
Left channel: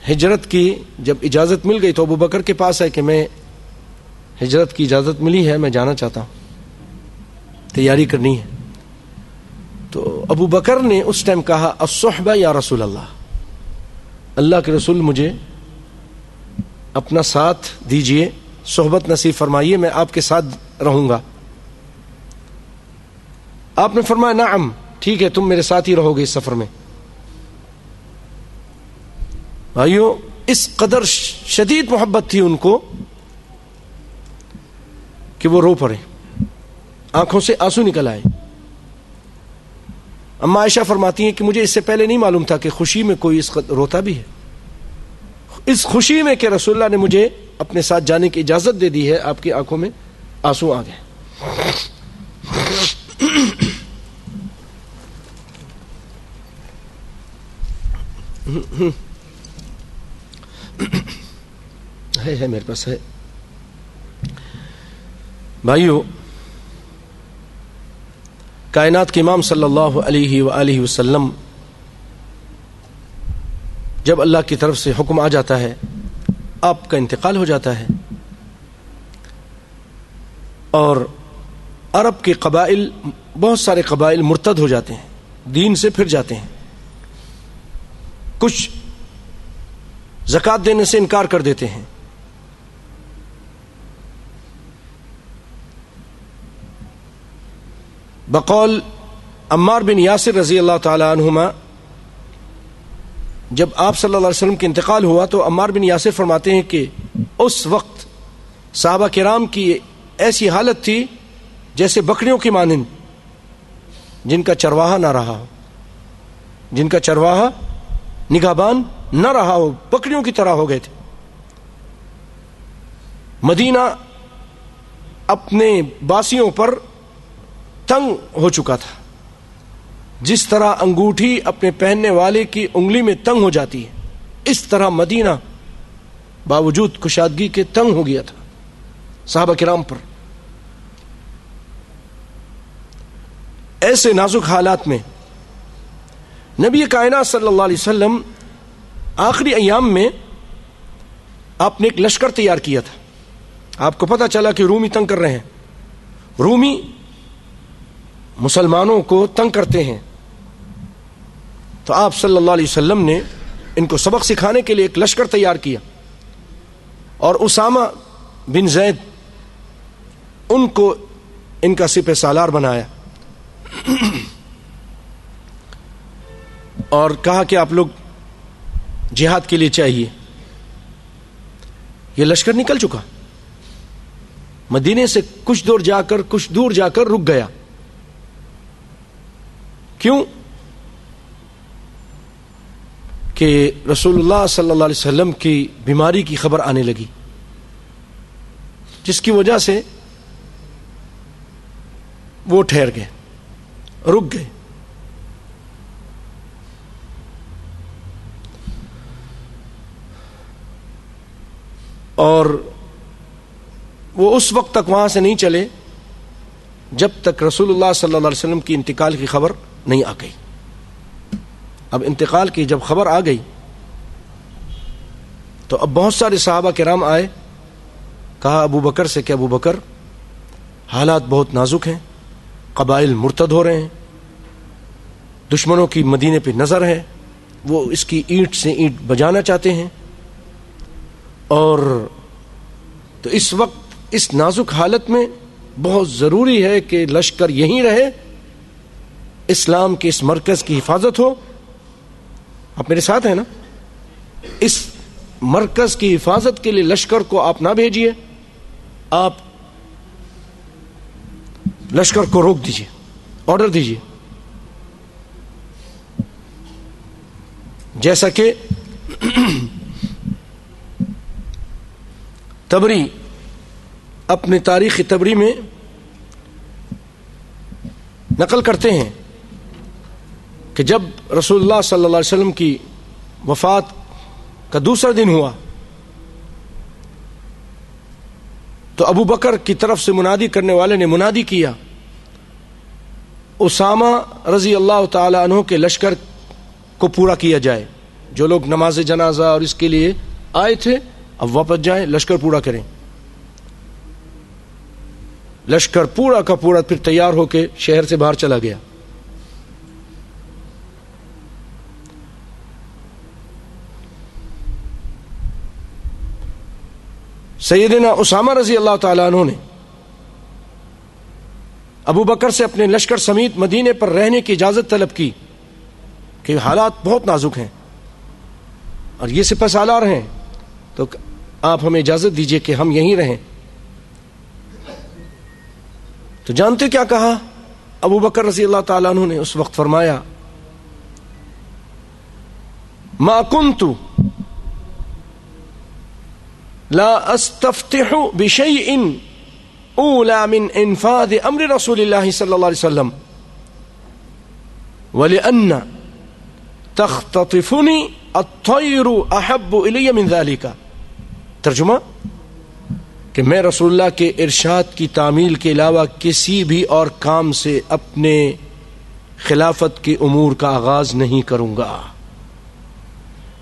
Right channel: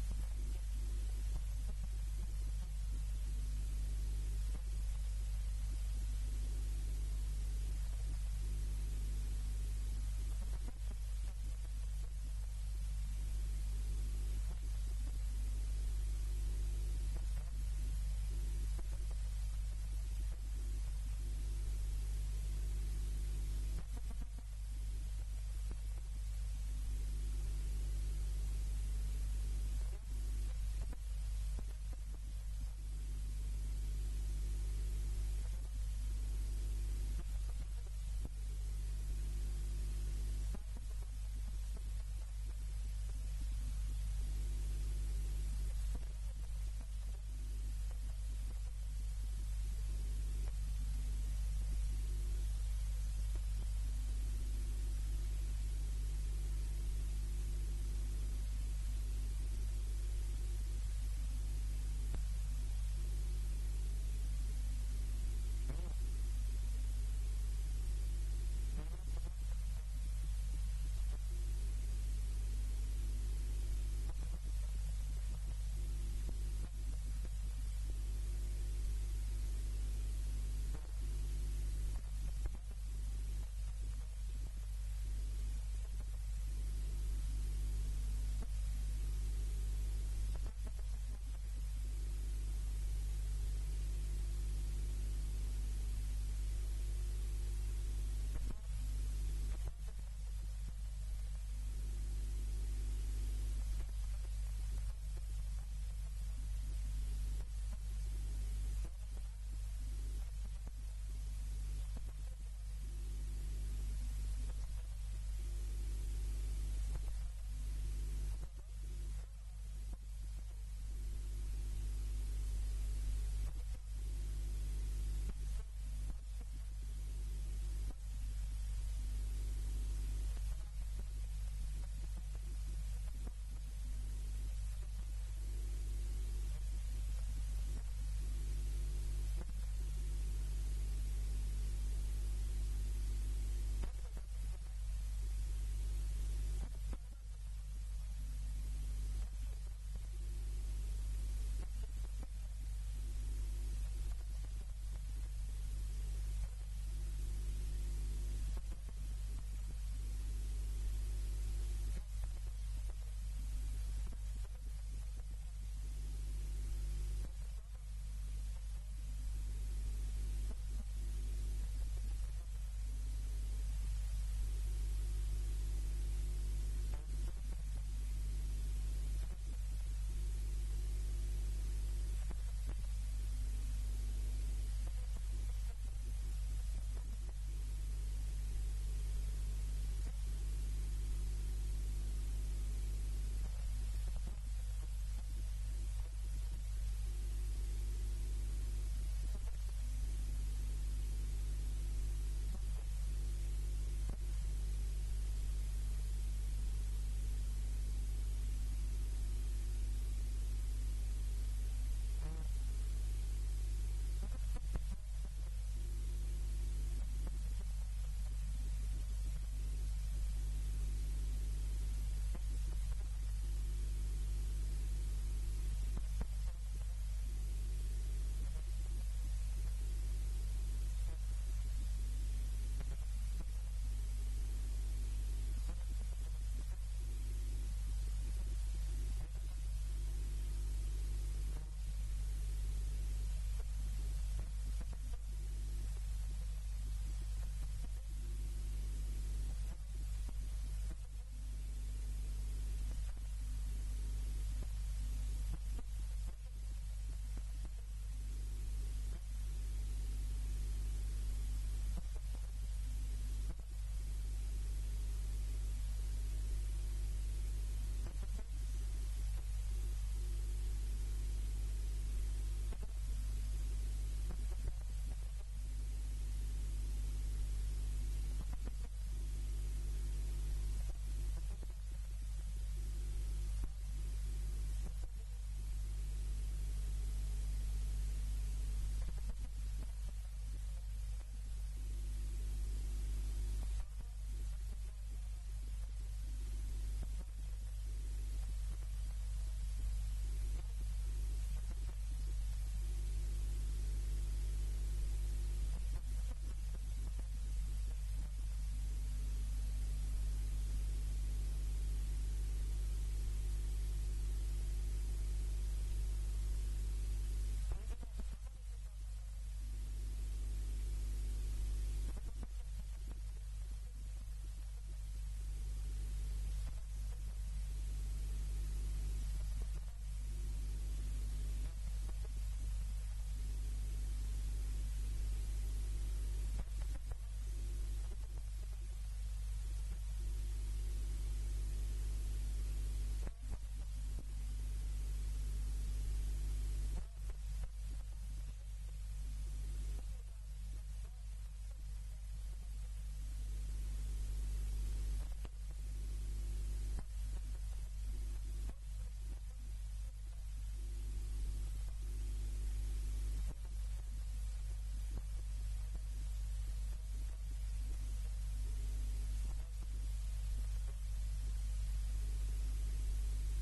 ہجرت کی جب اجازت مل گئی تو ابو بکر کے پاس ہے کہ میں ہجرت کی اجازت ملی ہے، میں جانا چاہتا ہوں، تیاری کرنی ہے۔ تو ابو بکر نے اس ٹائم کہا الصحبہ یا رسول اللہ، اللہ کے رسول مجھے اپنا ساتھ دیجئے، صحبت نصیب فرمائیے، میں آپ کے ساتھ رہوں گا؟ آپ نے فرمایا نعم، ٹھیک ہے، تم میرے ساتھ ہی رہو گے اس سفر میں۔ بھائیو، اس قدر شدید محبت تھی ان کو کہ وہ رو پڑے، آنکھوں سے آنسو نکل آئے۔ اما عائشہ فرماتی ہیں کہ مجھے اس سے پہلے نہیں معلوم تھا کہ خوشی میں کوئی اس قدر روتا بھی ہے، اس خوشی میں کہ رسول اللہ نے مجھے اپنے ساتھ جانے کی اجازت دے دی ہے، آپ کی آنکھوں میں آنسو آ گئے۔ ہے میرے پاس ہے۔ بھائیو، کائنات کے امام صلی اللہ علیہ وآلہ وسلم جب اللہ کی طرف سے حکم آ جاتا ہے، آپ کا انتقال ہو جاتا ہے، اور عرب کے قبائل، بہت سارے قبائل مرتد ہو جاتے ہیں، دین سے پھر جاتے ہیں، کچھ زکوٰۃ دینے سے انکار کر دیتے ہیں۔ بقول عمار بن یاسر رضی اللہ تعالی عنہما، جب آپ صلی اللہ علیہ وسلم کے انتقال ہوا تو عمار بن یاسر فرماتے ہیں کہ اس وقت صحابہ کرام کی ایسی حالت تھی جیسے بکریوں کی مانند جن کا چرواہا نہ رہا ہو، جن کا چرواہا نگہبان نہ رہا ہو، بکریوں کی طرح ہو گئے تھے۔ مدینہ اپنے باسیوں پر تنگ ہو چکا تھا، جس طرح انگوٹھی اپنے پہننے والے کی انگلی میں تنگ ہو جاتی ہے، اس طرح مدینہ باوجود کشادگی کے تنگ ہو گیا تھا صحابہ کرام پر۔ ایسے نازک حالات میں نبی کائنات صلی اللہ علیہ وسلم آخری ایام میں آپ نے ایک لشکر تیار کیا تھا۔ آپ کو پتہ چلا کہ رومی تنگ کر رہے ہیں، رومی مسلمانوں کو تنگ کرتے ہیں، تو آپ صلی اللہ علیہ وسلم نے ان کو سبق سکھانے کے لیے ایک لشکر تیار کیا، اور اسامہ بن زید ان کو ان کا سپہ سالار بنایا، اور کہا کہ آپ لوگ جہاد کے لیے چاہیے۔ یہ لشکر نکل چکا، مدینے سے کچھ دور جا کر رک گیا۔ کیوں؟ کہ رسول اللہ صلی اللہ علیہ وسلم کی بیماری کی خبر آنے لگی، جس کی وجہ سے وہ ٹھہر گئے، رک گئے۔ اور وہ اس وقت تک وہاں سے نہیں چلے جب تک رسول اللہ صلی اللہ علیہ وسلم کی انتقال کی خبر نہیں آ گئی۔ اب انتقال کی جب خبر آ گئی تو اب بہت سارے صحابہ کرام آئے، کہا ابو بکر سے کہ ابو بکر، حالات بہت نازک ہیں، قبائل مرتد ہو رہے ہیں، دشمنوں کی مدینے پہ نظر ہے، وہ اس کی اینٹ سے اینٹ بجانا چاہتے ہیں، اور تو اس وقت اس نازک حالت میں بہت ضروری ہے کہ لشکر یہیں رہے، اسلام کے اس مرکز کی حفاظت ہو۔ آپ میرے ساتھ ہیں نا؟ اس مرکز کی حفاظت کے لیے لشکر کو آپ نہ بھیجیے، آپ لشکر کو روک دیجیے، آرڈر دیجیے، جیسا کہ تبری اپنے تاریخ تبری میں نقل کرتے ہیں کہ جب رسول اللہ صلی اللہ علیہ وسلم کی وفات کا دوسرا دن ہوا تو ابو بکر کی طرف سے منادی کرنے والے نے منادی کیا، اسامہ رضی اللہ تعالی عنہ کے لشکر کو پورا کیا جائے، جو لوگ نماز جنازہ اور اس کے لیے آئے تھے اب واپس جائیں، لشکر پورا کریں۔ لشکر پورا کا پورا پھر تیار ہو کے شہر سے باہر چلا گیا۔ سیدنا اسامہ رضی اللہ تعالیٰ عنہ نے ابو بکر سے اپنے لشکر سمیت مدینے پر رہنے کی اجازت طلب کی کہ حالات بہت نازک ہیں اور یہ سپہ سالار ہیں، تو آپ ہمیں اجازت دیجئے کہ ہم یہیں رہیں۔ تو جانتے کیا کہا ابو بکر رضی اللہ تعالیٰ عنہ نے؟ اس وقت فرمایا ما كنت لا استفتح بشيء اولى من انفاذ امر رسول الله صلی اللہ علیہ وسلم ولأن تختطفني الطير احب الي من ذلك۔ ترجمہ کہ میں رسول اللہ کے ارشاد کی تعمیل کے علاوہ کسی بھی اور کام سے اپنے خلافت کے امور کا آغاز نہیں کروں گا۔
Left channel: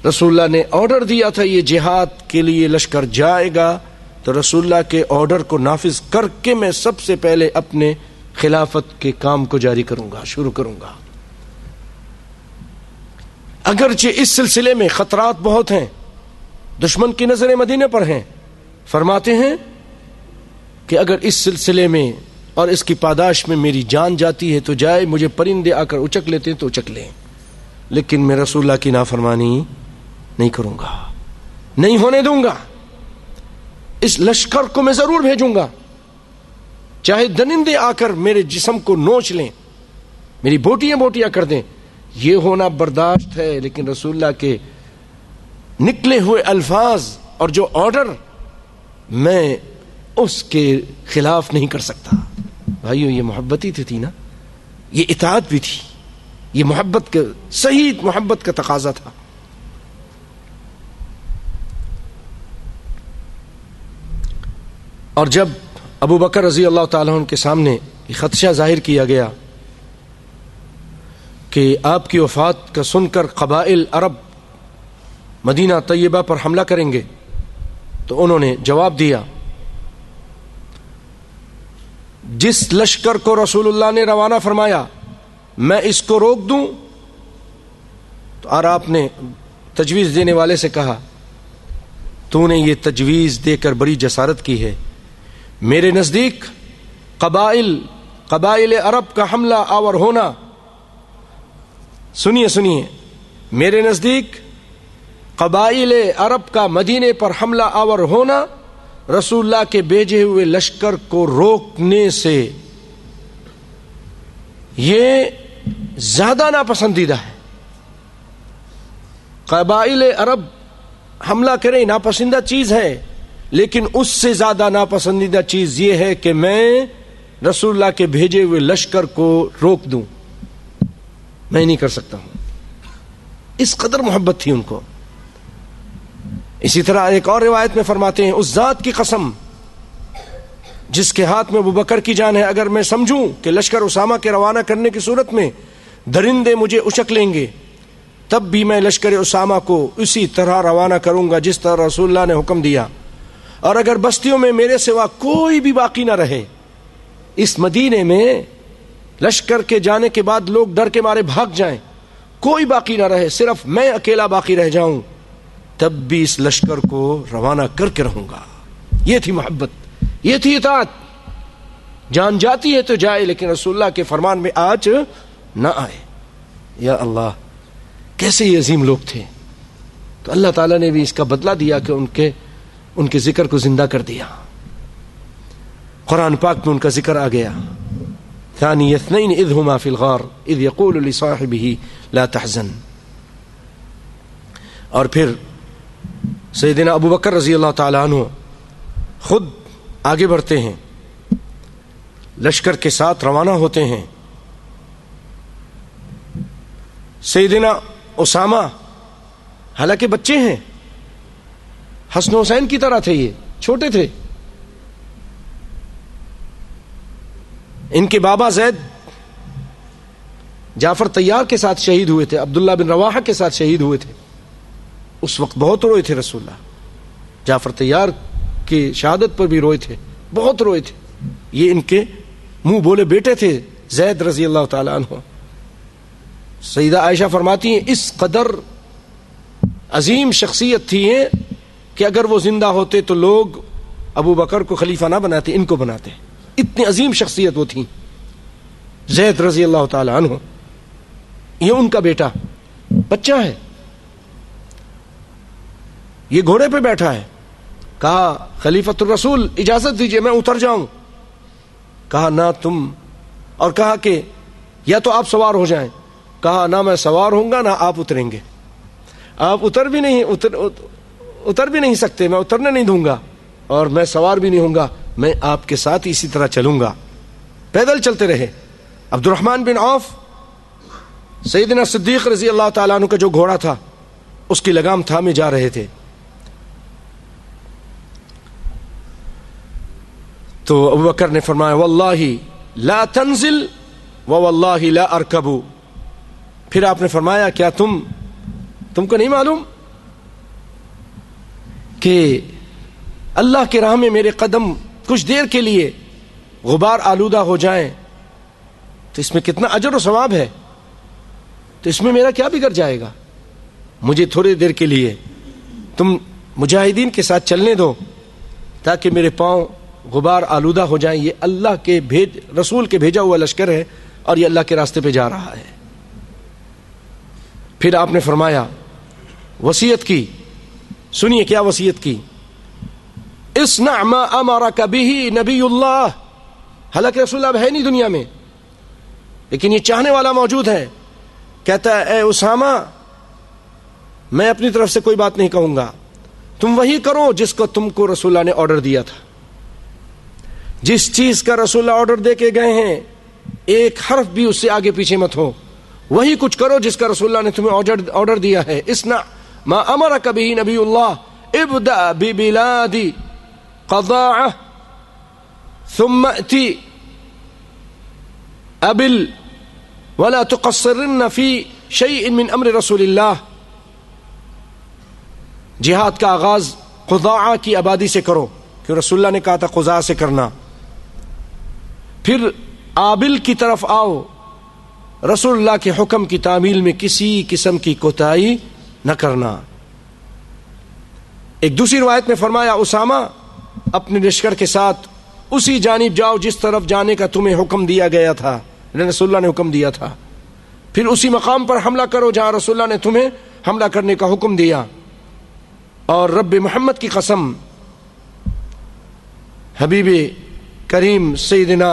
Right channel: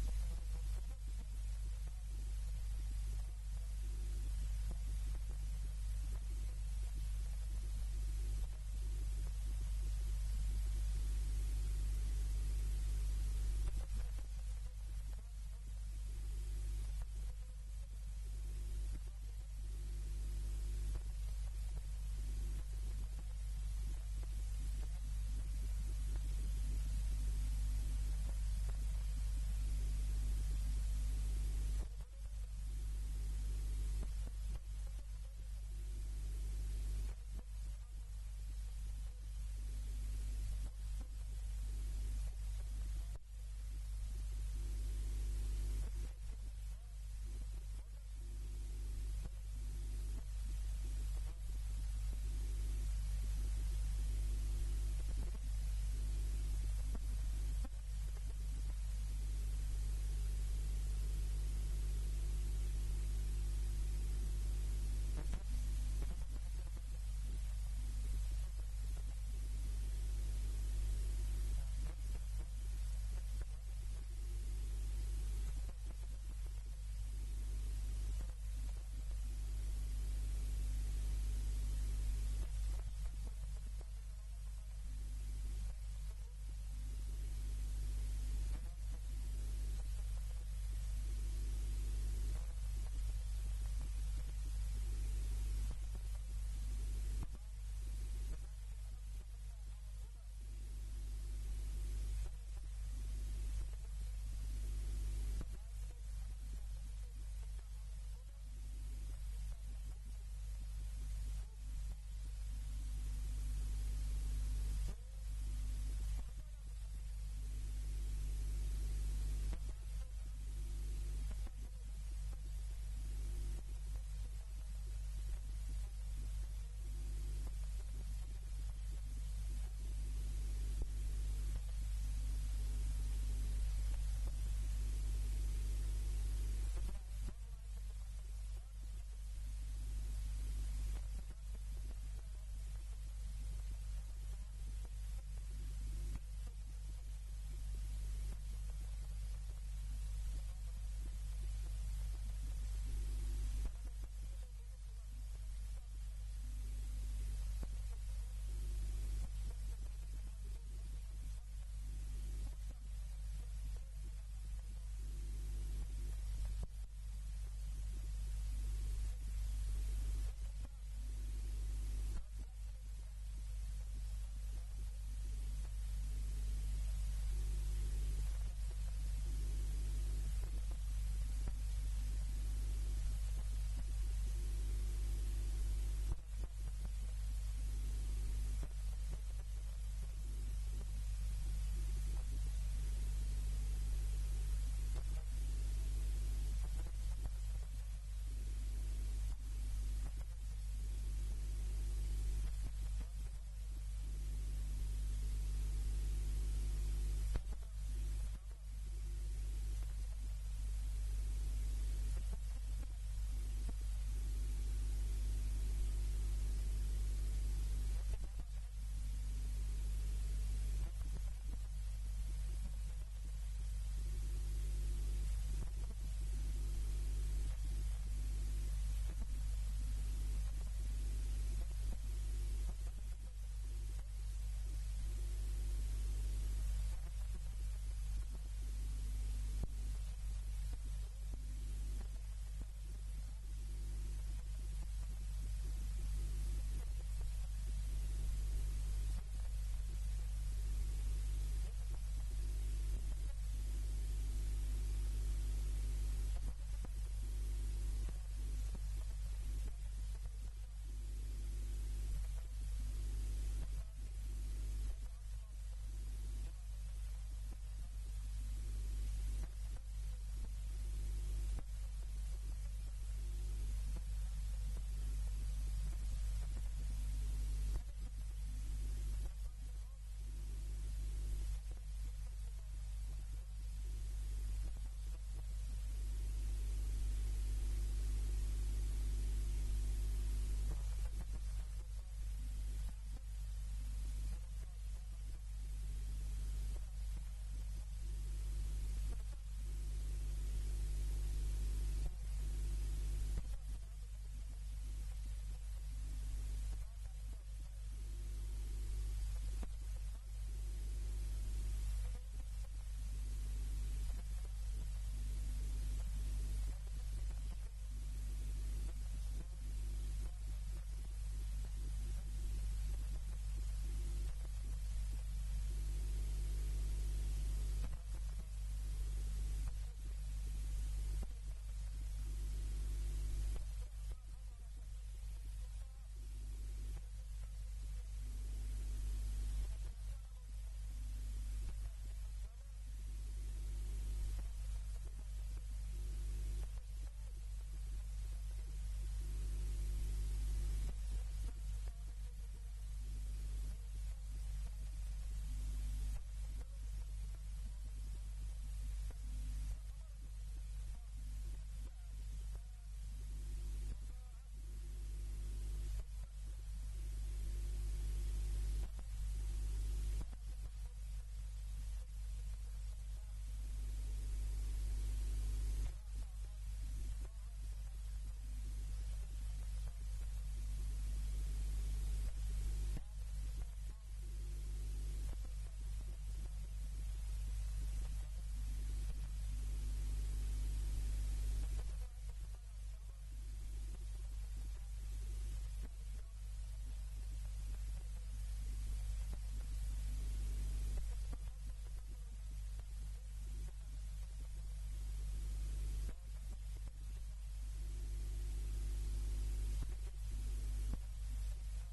رسول اللہ نے آرڈر دیا تھا یہ جہاد کے لیے لشکر جائے گا، تو رسول اللہ کے آرڈر کو نافذ کر کے میں سب سے پہلے اپنے خلافت کے کام کو جاری کروں گا، شروع کروں گا۔ اگرچہ اس سلسلے میں خطرات بہت ہیں، دشمن کی نظریں مدینے پر ہیں، فرماتے ہیں کہ اگر اس سلسلے میں اور اس کی پاداش میں میری جان جاتی ہے تو جائے، مجھے پرندے آ کر اچک لیتے ہیں تو اچک لیں، لیکن میں رسول اللہ کی نافرمانی نہیں کروں گا، نہیں ہونے دوں گا۔ اس لشکر کو میں ضرور بھیجوں گا، چاہے درندے آ کر میرے جسم کو نوچ لیں، میری بوٹیاں بوٹیاں کر دیں، یہ ہونا برداشت ہے، لیکن رسول اللہ کے نکلے ہوئے الفاظ اور جو آرڈر میں اس کے خلاف نہیں کر سکتا۔ بھائیو یہ محبت ہی تھی نا، یہ اطاعت بھی تھی، یہ محبت کا صحیح محبت کا تقاضا تھا۔ اور جب ابو بکر رضی اللہ تعالیٰ عنہ کے سامنے یہ خدشہ ظاہر کیا گیا کہ آپ کی وفات کا سن کر قبائل عرب مدینہ طیبہ پر حملہ کریں گے، تو انہوں نے جواب دیا جس لشکر کو رسول اللہ نے روانہ فرمایا میں اس کو روک دوں؟ تو اور آپ نے تجویز دینے والے سے کہا تو نے یہ تجویز دے کر بڑی جسارت کی ہے، میرے نزدیک قبائل عرب کا حملہ آور ہونا، سنیے میرے نزدیک قبائل عرب کا مدینے پر حملہ آور ہونا رسول اللہ کے بھیجے ہوئے لشکر کو روکنے سے یہ زیادہ ناپسندیدہ ہے۔ قبائل عرب حملہ کریں ناپسندیدہ چیز ہے، لیکن اس سے زیادہ ناپسندیدہ چیز یہ ہے کہ میں رسول اللہ کے بھیجے ہوئے لشکر کو روک دوں، میں نہیں کر سکتا ہوں۔ اس قدر محبت تھی ان کو۔ اسی طرح ایک اور روایت میں فرماتے ہیں اس ذات کی قسم جس کے ہاتھ میں ابو بکر کی جان ہے، اگر میں سمجھوں کہ لشکر اسامہ کے روانہ کرنے کی صورت میں درندے مجھے اچک لیں گے، تب بھی میں لشکر اسامہ کو اسی طرح روانہ کروں گا جس طرح رسول اللہ نے حکم دیا، اور اگر بستیوں میں میرے سوا کوئی بھی باقی نہ رہے، اس مدینے میں لشکر کے جانے کے بعد لوگ ڈر کے مارے بھاگ جائیں، کوئی باقی نہ رہے، صرف میں اکیلا باقی رہ جاؤں، تب بھی اس لشکر کو روانہ کر کے رہوں گا۔ یہ تھی محبت، یہ تھی اطاعت۔ جان جاتی ہے تو جائے، لیکن رسول اللہ کے فرمان میں آج نہ آئے۔ یا اللہ کیسے یہ عظیم لوگ تھے۔ تو اللہ تعالیٰ نے بھی اس کا بدلہ دیا کہ ان کے ذکر کو زندہ کر دیا۔ قرآن پاک میں ان کا ذکر آ گیا، ثانی اثنین اذ ہما فی الغار اذ یقول لصاحبہ لا تحزن۔ اور پھر سیدنا ابو بکر رضی اللہ تعالیٰ عنہ خود آگے بڑھتے ہیں، لشکر کے ساتھ روانہ ہوتے ہیں۔ سیدنا اسامہ حالانکہ بچے ہیں، حسن حسین کی طرح تھے، یہ چھوٹے تھے، ان کے بابا زید جعفر طیار کے ساتھ شہید ہوئے تھے، عبداللہ بن رواحہ کے ساتھ شہید ہوئے تھے۔ اس وقت بہت روئے تھے رسول اللہ، جعفر طیار کی شہادت پر بھی روئے تھے، بہت روئے تھے۔ یہ ان کے منہ بولے بیٹے تھے زید رضی اللہ تعالیٰ عنہ۔ سیدہ عائشہ فرماتی ہیں اس قدر عظیم شخصیت تھی ہیں کہ اگر وہ زندہ ہوتے تو لوگ ابو بکر کو خلیفہ نہ بناتے، ان کو بناتے، اتنی عظیم شخصیت وہ تھی۔ زید رضی اللہ تعالی عنہ، یہ ان کا بیٹا بچہ ہے، یہ گھوڑے پہ بیٹھا ہے. کہا خلیفۃ الرسول اجازت دیجئے میں اتر جاؤں. کہا نہ تم، اور کہا کہ یا تو آپ سوار ہو جائیں. کہا نہ میں سوار ہوں گا نہ آپ اتریں گے، آپ اتر بھی نہیں سکتے، میں اترنے نہیں دوں گا، اور میں سوار بھی نہیں ہوں گا، میں آپ کے ساتھ اسی طرح چلوں گا. پیدل چلتے رہے. عبد الرحمن بن عوف سیدنا صدیق رضی اللہ تعالیٰ عنہ کا جو گھوڑا تھا اس کی لگام تھامے جا رہے تھے. تو ابو بکر نے فرمایا واللہ لا تنزل واللہ لا ارکب. پھر آپ نے فرمایا کیا تم کو نہیں معلوم کہ اللہ کی راہ میں میرے قدم کچھ دیر کے لیے غبار آلودہ ہو جائیں تو اس میں کتنا اجر و ثواب ہے، تو اس میں میرا کیا بگڑ جائے گا؟ مجھے تھوڑی دیر کے لیے تم مجاہدین کے ساتھ چلنے دو تاکہ میرے پاؤں غبار آلودہ ہو جائیں. یہ اللہ کے رسول کے بھیجا ہوا لشکر ہے اور یہ اللہ کے راستے پہ جا رہا ہے. پھر آپ نے فرمایا، وصیت کی، سنیے کیا وصیت کی، اصنع ما امرک به نبی اللہ. حالانکہ رسول اللہ ہے نہیں دنیا میں، لیکن یہ چاہنے والا موجود ہے. کہتا ہے اے اسامہ میں اپنی طرف سے کوئی بات نہیں کہوں گا، تم وہی کرو جس کو تم کو رسول اللہ نے آرڈر دیا تھا. جس چیز کا رسول اللہ آرڈر دے کے گئے ہیں ایک حرف بھی اس سے آگے پیچھے مت ہو، وہی کچھ کرو جس کا رسول اللہ نے تمہیں آرڈر دیا ہے. اصنع ما امرک به نبی اللہ ابدأ ببلاد قضاعہ ثم ائتی ابل ولا تقصرن فی شیء من امر رسول اللہ. جہاد کا آغاز قضاعہ کی آبادی سے کرو، کہ رسول اللہ نے کہا تھا قضاء سے کرنا. پھر آبل کی طرف آؤ، رسول اللہ کے حکم کی تعمیل میں کسی قسم کی کوتاہی نہ کرنا. ایک دوسری روایت میں فرمایا اسامہ اپنے لشکر کے ساتھ اسی جانب جاؤ جس طرف جانے کا تمہیں حکم دیا گیا تھا، رسول اللہ نے حکم دیا تھا. پھر اسی مقام پر حملہ کرو جہاں رسول اللہ نے تمہیں حملہ کرنے کا حکم دیا. اور رب محمد کی قسم، حبیب کریم سیدنا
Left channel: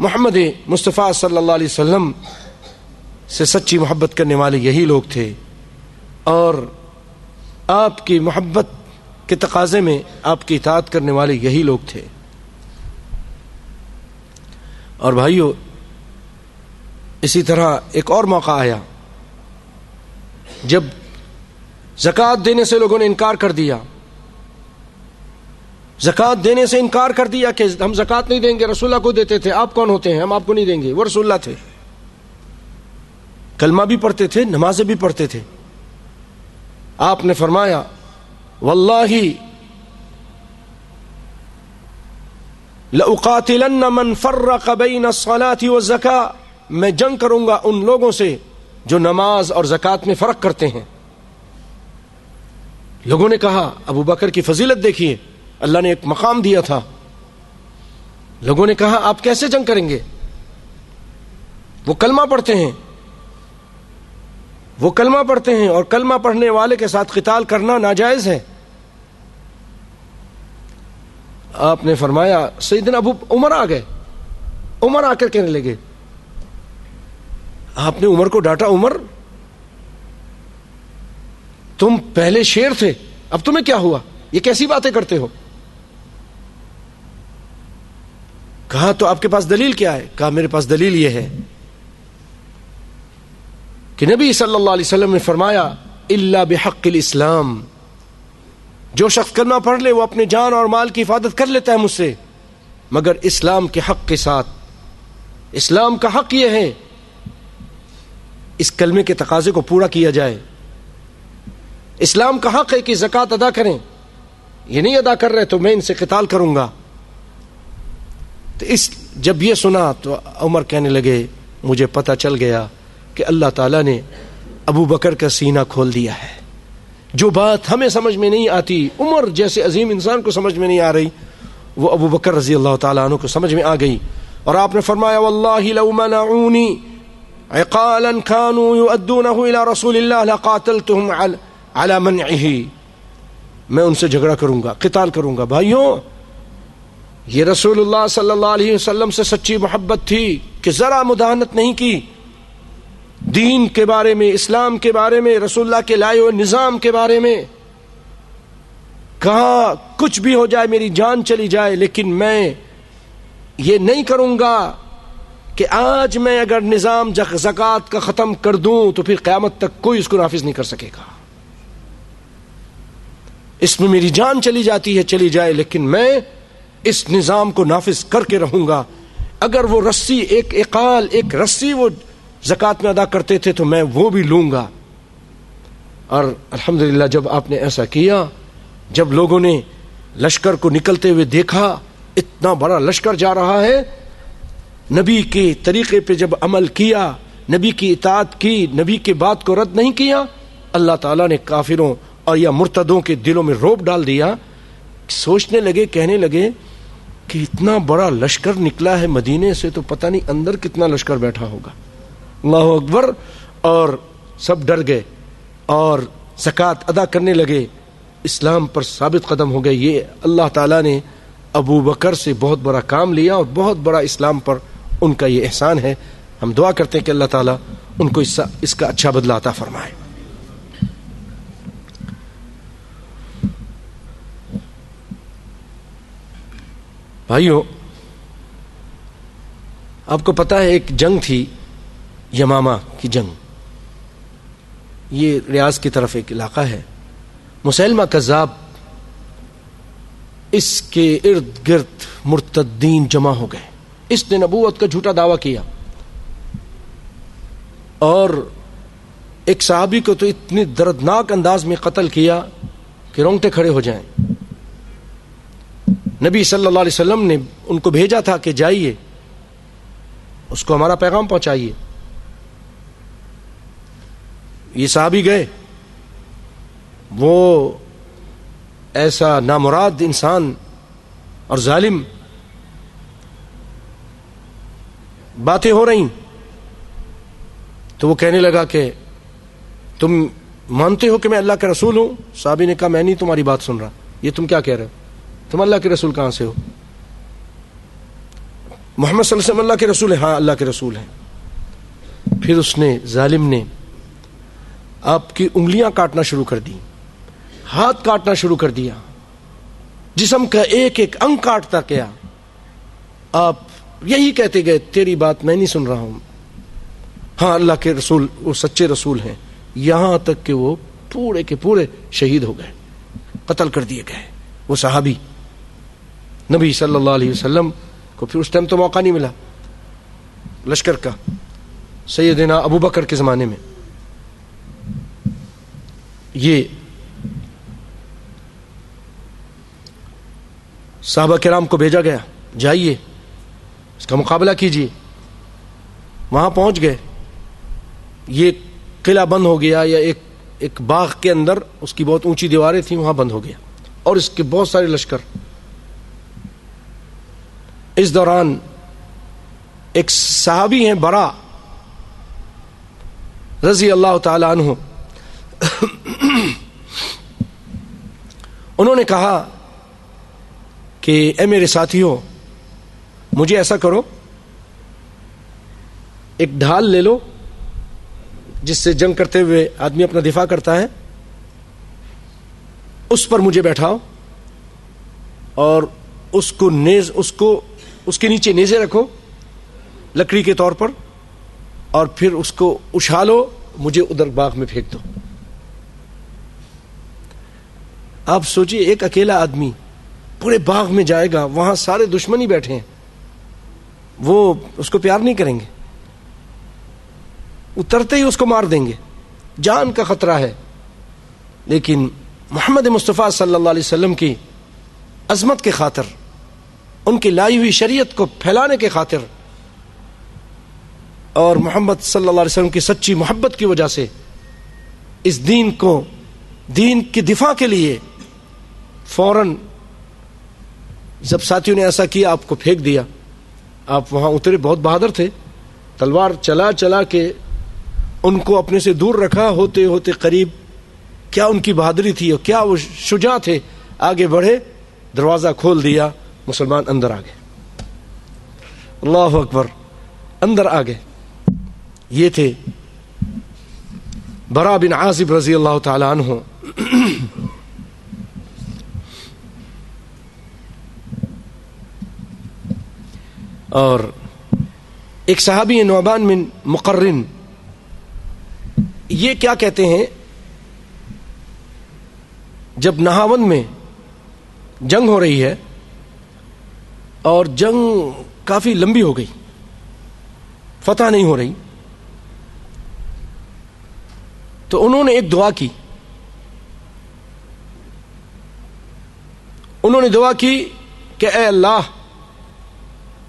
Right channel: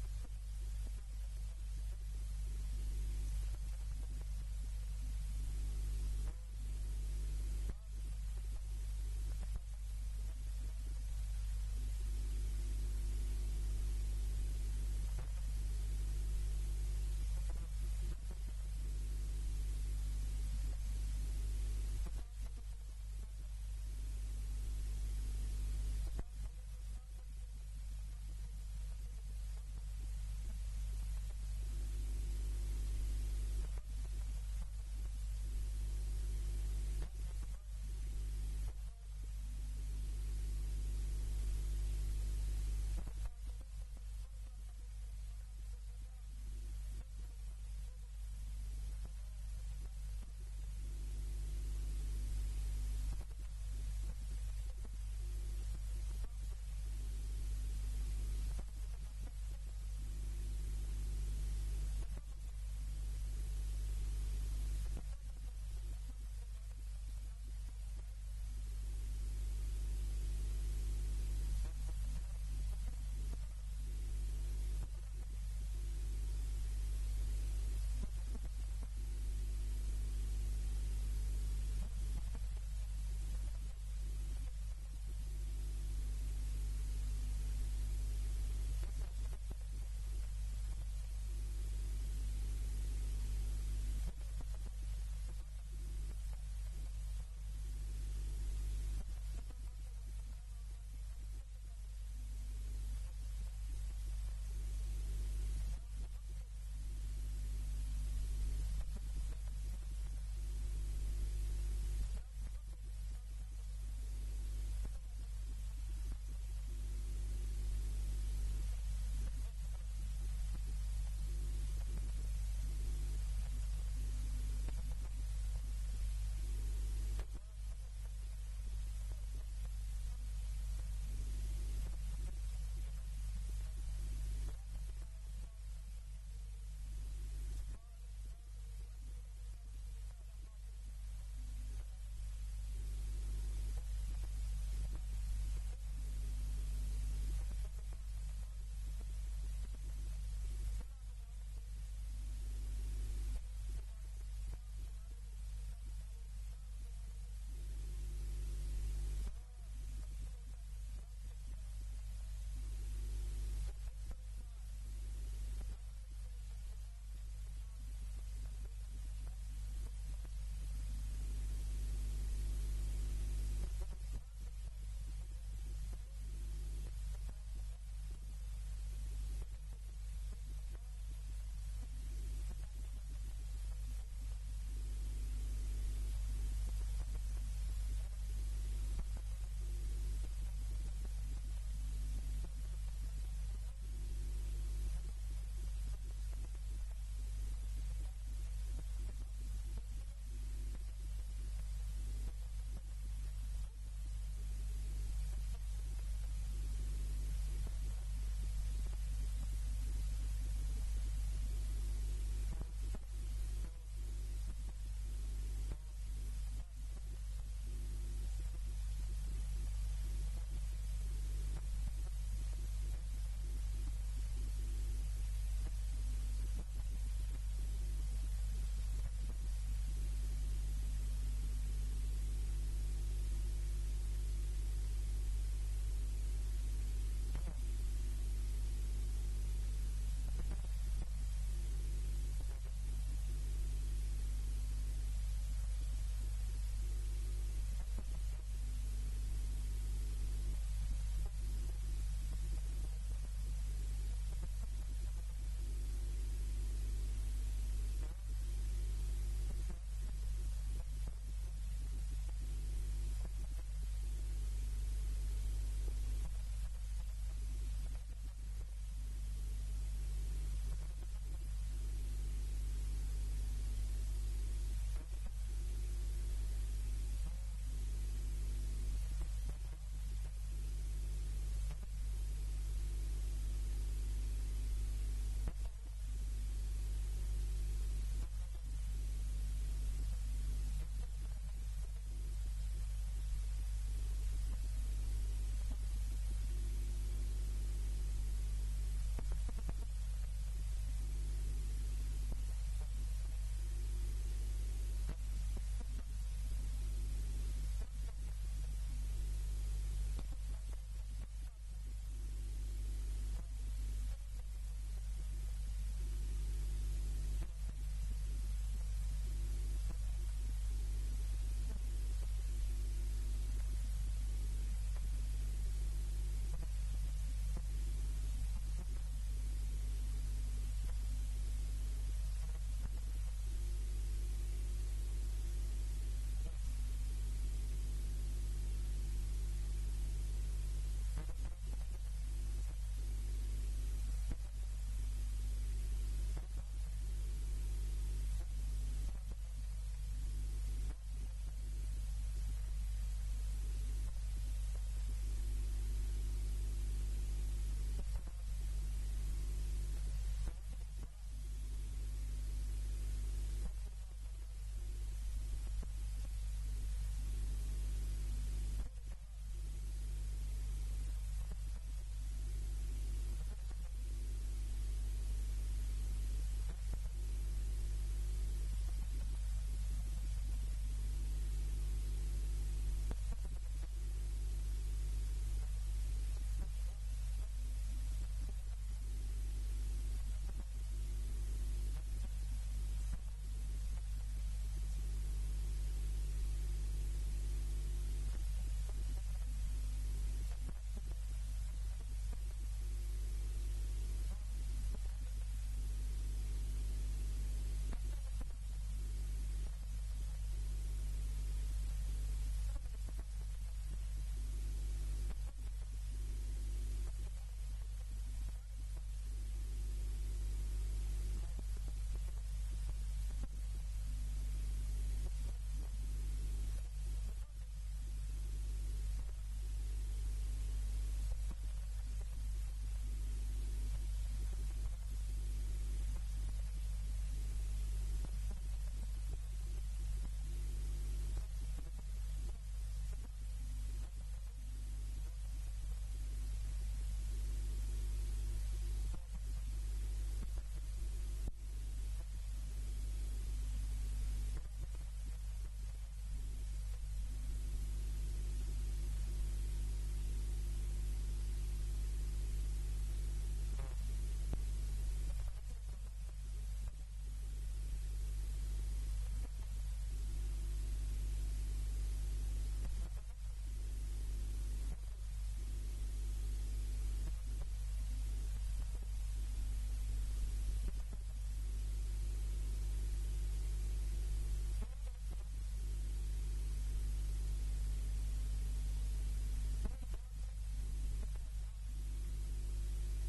محمد مصطفیٰ صلی اللہ علیہ وسلم سے سچی محبت کرنے والے یہی لوگ تھے، اور آپ کی محبت کے تقاضے میں آپ کی اطاعت کرنے والے یہی لوگ تھے. اور بھائیو اسی طرح ایک اور موقع آیا جب زکوٰۃ دینے سے لوگوں نے انکار کر دیا. زکوٰۃ دینے سے انکار کر دیا کہ ہم زکوٰۃ نہیں دیں گے، رسول اللہ کو دیتے تھے، آپ کون ہوتے ہیں ہم آپ کو نہیں دیں گے. وہ رسول اللہ تھے، کلمہ بھی پڑھتے تھے، نمازیں بھی پڑھتے تھے. آپ نے فرمایا واللہ لأقاتلن من فرق بین الصلاة والزکاة، میں جنگ کروں گا ان لوگوں سے جو نماز اور زکوٰۃ میں فرق کرتے ہیں. لوگوں نے کہا ابو بکر کی فضیلت دیکھیے، اللہ نے ایک مقام دیا تھا. لوگوں نے کہا آپ کیسے جنگ کریں گے، وہ کلمہ پڑھتے ہیں، وہ کلمہ پڑھتے ہیں اور کلمہ پڑھنے والے کے ساتھ قتال کرنا ناجائز ہے. آپ نے فرمایا سیدنا ابو عمر آ گئے، عمر آ کر کہنے لگے، آپ نے عمر کو ڈانٹا، عمر تم پہلے شیر تھے اب تمہیں کیا ہوا، یہ کیسی باتیں کرتے ہو. کہا تو آپ کے پاس دلیل کیا ہے؟ کہا میرے پاس دلیل یہ ہے کہ نبی صلی اللہ علیہ وسلم نے فرمایا الا بحق الاسلام، جو شخص کلمہ پڑھ لے وہ اپنے جان اور مال کی حفاظت کر لیتا ہے مجھ سے، مگر اسلام کے حق کے ساتھ. اسلام کا حق یہ ہے اس کلمے کے تقاضے کو پورا کیا جائے. اسلام کا حق ہے کہ زکوٰۃ ادا کریں، یہ نہیں ادا کر رہے تو میں ان سے قتال کروں گا. تو جب یہ سنا تو عمر کہنے لگے مجھے پتہ چل گیا کہ اللہ تعالیٰ نے ابو بکر کا سینہ کھول دیا ہے. جو بات ہمیں سمجھ میں نہیں آتی، عمر جیسے عظیم انسان کو سمجھ میں نہیں آ رہی، وہ ابو بکر رضی اللہ تعالیٰ عنہ کو سمجھ میں آ گئی. اور آپ نے فرمایا واللہ لو منعونی عقالا كانوا يؤدونه الى رسول اللہ لقاتلتهم على منعه، میں ان سے جھگڑا کروں گا، قتال کروں گا۔ بھائیوں، یہ رسول اللہ صلی اللہ علیہ وسلم سے سچی محبت تھی کہ ذرا مداہنت نہیں کی دین کے بارے میں، اسلام کے بارے میں، رسول اللہ کے لائے ہوئے نظام کے بارے میں۔ کہا کچھ بھی ہو جائے، میری جان چلی جائے، لیکن میں یہ نہیں کروں گا کہ آج میں اگر نظام زکوٰۃ کا ختم کر دوں تو پھر قیامت تک کوئی اس کو نافذ نہیں کر سکے گا۔ اس میں میری جان چلی جاتی ہے، چلی جائے، لیکن میں اس نظام کو نافذ کر کے رہوں گا۔ اگر وہ رسی، ایک اقال، ایک رسی وہ زکوٰۃ میں ادا کرتے تھے تو میں وہ بھی لوں گا۔ اور الحمدللہ جب آپ نے ایسا کیا، جب لوگوں نے لشکر کو نکلتے ہوئے دیکھا، اتنا بڑا لشکر جا رہا ہے، نبی کے طریقے پہ جب عمل کیا، نبی کی اطاعت کی، نبی کی بات کو رد نہیں کیا، اللہ تعالیٰ نے کافروں اور یا مرتدوں کے دلوں میں رعب ڈال دیا۔ سوچنے لگے، کہنے لگے کہ اتنا بڑا لشکر نکلا ہے مدینے سے تو پتہ نہیں اندر کتنا لشکر بیٹھا ہوگا۔ اللہ اکبر۔ اور سب ڈر گئے اور زکوٰۃ ادا کرنے لگے، اسلام پر ثابت قدم ہو گئے۔ یہ اللہ تعالیٰ نے ابو بکر سے بہت بڑا کام لیا اور بہت بڑا اسلام پر ان کا یہ احسان ہے۔ ہم دعا کرتے ہیں کہ اللہ تعالیٰ ان کو اس کا اچھا بدلہ عطا فرمائے۔ بھائیو، آپ کو پتا ہے ایک جنگ تھی، یمامہ کی جنگ، یہ ریاض کی طرف ایک علاقہ ہے۔ مسیلمہ کذاب، اس کے ارد گرد مرتدین جمع ہو گئے۔ اس نے نبوت کا جھوٹا دعویٰ کیا اور ایک صحابی کو تو اتنی دردناک انداز میں قتل کیا کہ رونگٹے کھڑے ہو جائیں۔ نبی صلی اللہ علیہ وسلم نے ان کو بھیجا تھا کہ جائیے اس کو ہمارا پیغام پہنچائیے۔ یہ صحابی گئے، وہ ایسا نامراد انسان اور ظالم، باتیں ہو رہی تو وہ کہنے لگا کہ تم مانتے ہو کہ میں اللہ کا رسول ہوں؟ صحابی نے کہا میں نہیں تمہاری بات سن رہا، یہ تم کیا کہہ رہے ہو؟ تم اللہ کے رسول کہاں سے ہو؟ محمد صلی اللہ علیہ وسلم اللہ کے رسول ہیں؟ ہاں اللہ کے رسول ہیں۔ پھر اس نے، ظالم نے، آپ کی انگلیاں کاٹنا شروع کر دی، ہاتھ کاٹنا شروع کر دیا، جسم کا ایک ایک انگ کاٹتا گیا۔ آپ یہی کہتے گئے تیری بات میں نہیں سن رہا ہوں، ہاں اللہ کے رسول وہ سچے رسول ہیں، یہاں تک کہ وہ پورے کے پورے شہید ہو گئے، قتل کر دیے گئے۔ وہ صحابی نبی صلی اللہ علیہ وسلم کو پھر اس ٹائم تو موقع نہیں ملا لشکر کا، سیدنا ابو بکر کے زمانے میں یہ صحابہ کرام کو بھیجا گیا، جائیے اس کا مقابلہ کیجیے۔ وہاں پہنچ گئے، یہ قلعہ بند ہو گیا، یا ایک باغ کے اندر اس کی بہت اونچی دیواریں تھیں، وہاں بند ہو گیا، اور اس کے بہت سارے لشکر۔ اس دوران ایک صحابی ہیں برا رضی اللہ تعالی عنہ، انہوں نے کہا کہ اے میرے ساتھیوں، مجھے ایسا کرو، ایک ڈھال لے لو جس سے جنگ کرتے ہوئے آدمی اپنا دفاع کرتا ہے، اس پر مجھے بیٹھاؤ اور اس کے نیچے نیزے رکھو لکڑی کے طور پر، اور پھر اس کو اچھالو، مجھے ادھر باغ میں پھینک دو۔ آپ سوچئے ایک اکیلا آدمی پورے باغ میں جائے گا، وہاں سارے دشمن ہی بیٹھے ہیں، وہ اس کو پیار نہیں کریں گے، اترتے ہی اس کو مار دیں گے، جان کا خطرہ ہے۔ لیکن محمد مصطفیٰ صلی اللہ علیہ وسلم کی عظمت کے خاطر، ان کی لائی ہوئی شریعت کو پھیلانے کے خاطر، اور محمد صلی اللہ علیہ وسلم کی سچی محبت کی وجہ سے اس دین کی دفاع کے لیے فوراً جب ساتھیوں نے ایسا کیا، آپ کو پھینک دیا آپ وہاں اترے، بہت بہادر تھے، تلوار چلا چلا کے ان کو اپنے سے دور رکھا، ہوتے ہوتے قریب، کیا ان کی بہادری تھی اور کیا وہ شجاع تھے، آگے بڑھے، دروازہ کھول دیا، مسلمان اندر آ گئے، اللہ اکبر، اندر آ گئے۔ یہ تھے برا بن عازب رضی اللہ تعالی عنہ۔ اور ایک صحابی نعمان بن مقرن، یہ کیا کہتے ہیں، جب نہاون میں جنگ ہو رہی ہے اور جنگ کافی لمبی ہو گئی، فتح نہیں ہو رہی، تو انہوں نے ایک دعا کی، انہوں نے دعا کی کہ اے اللہ،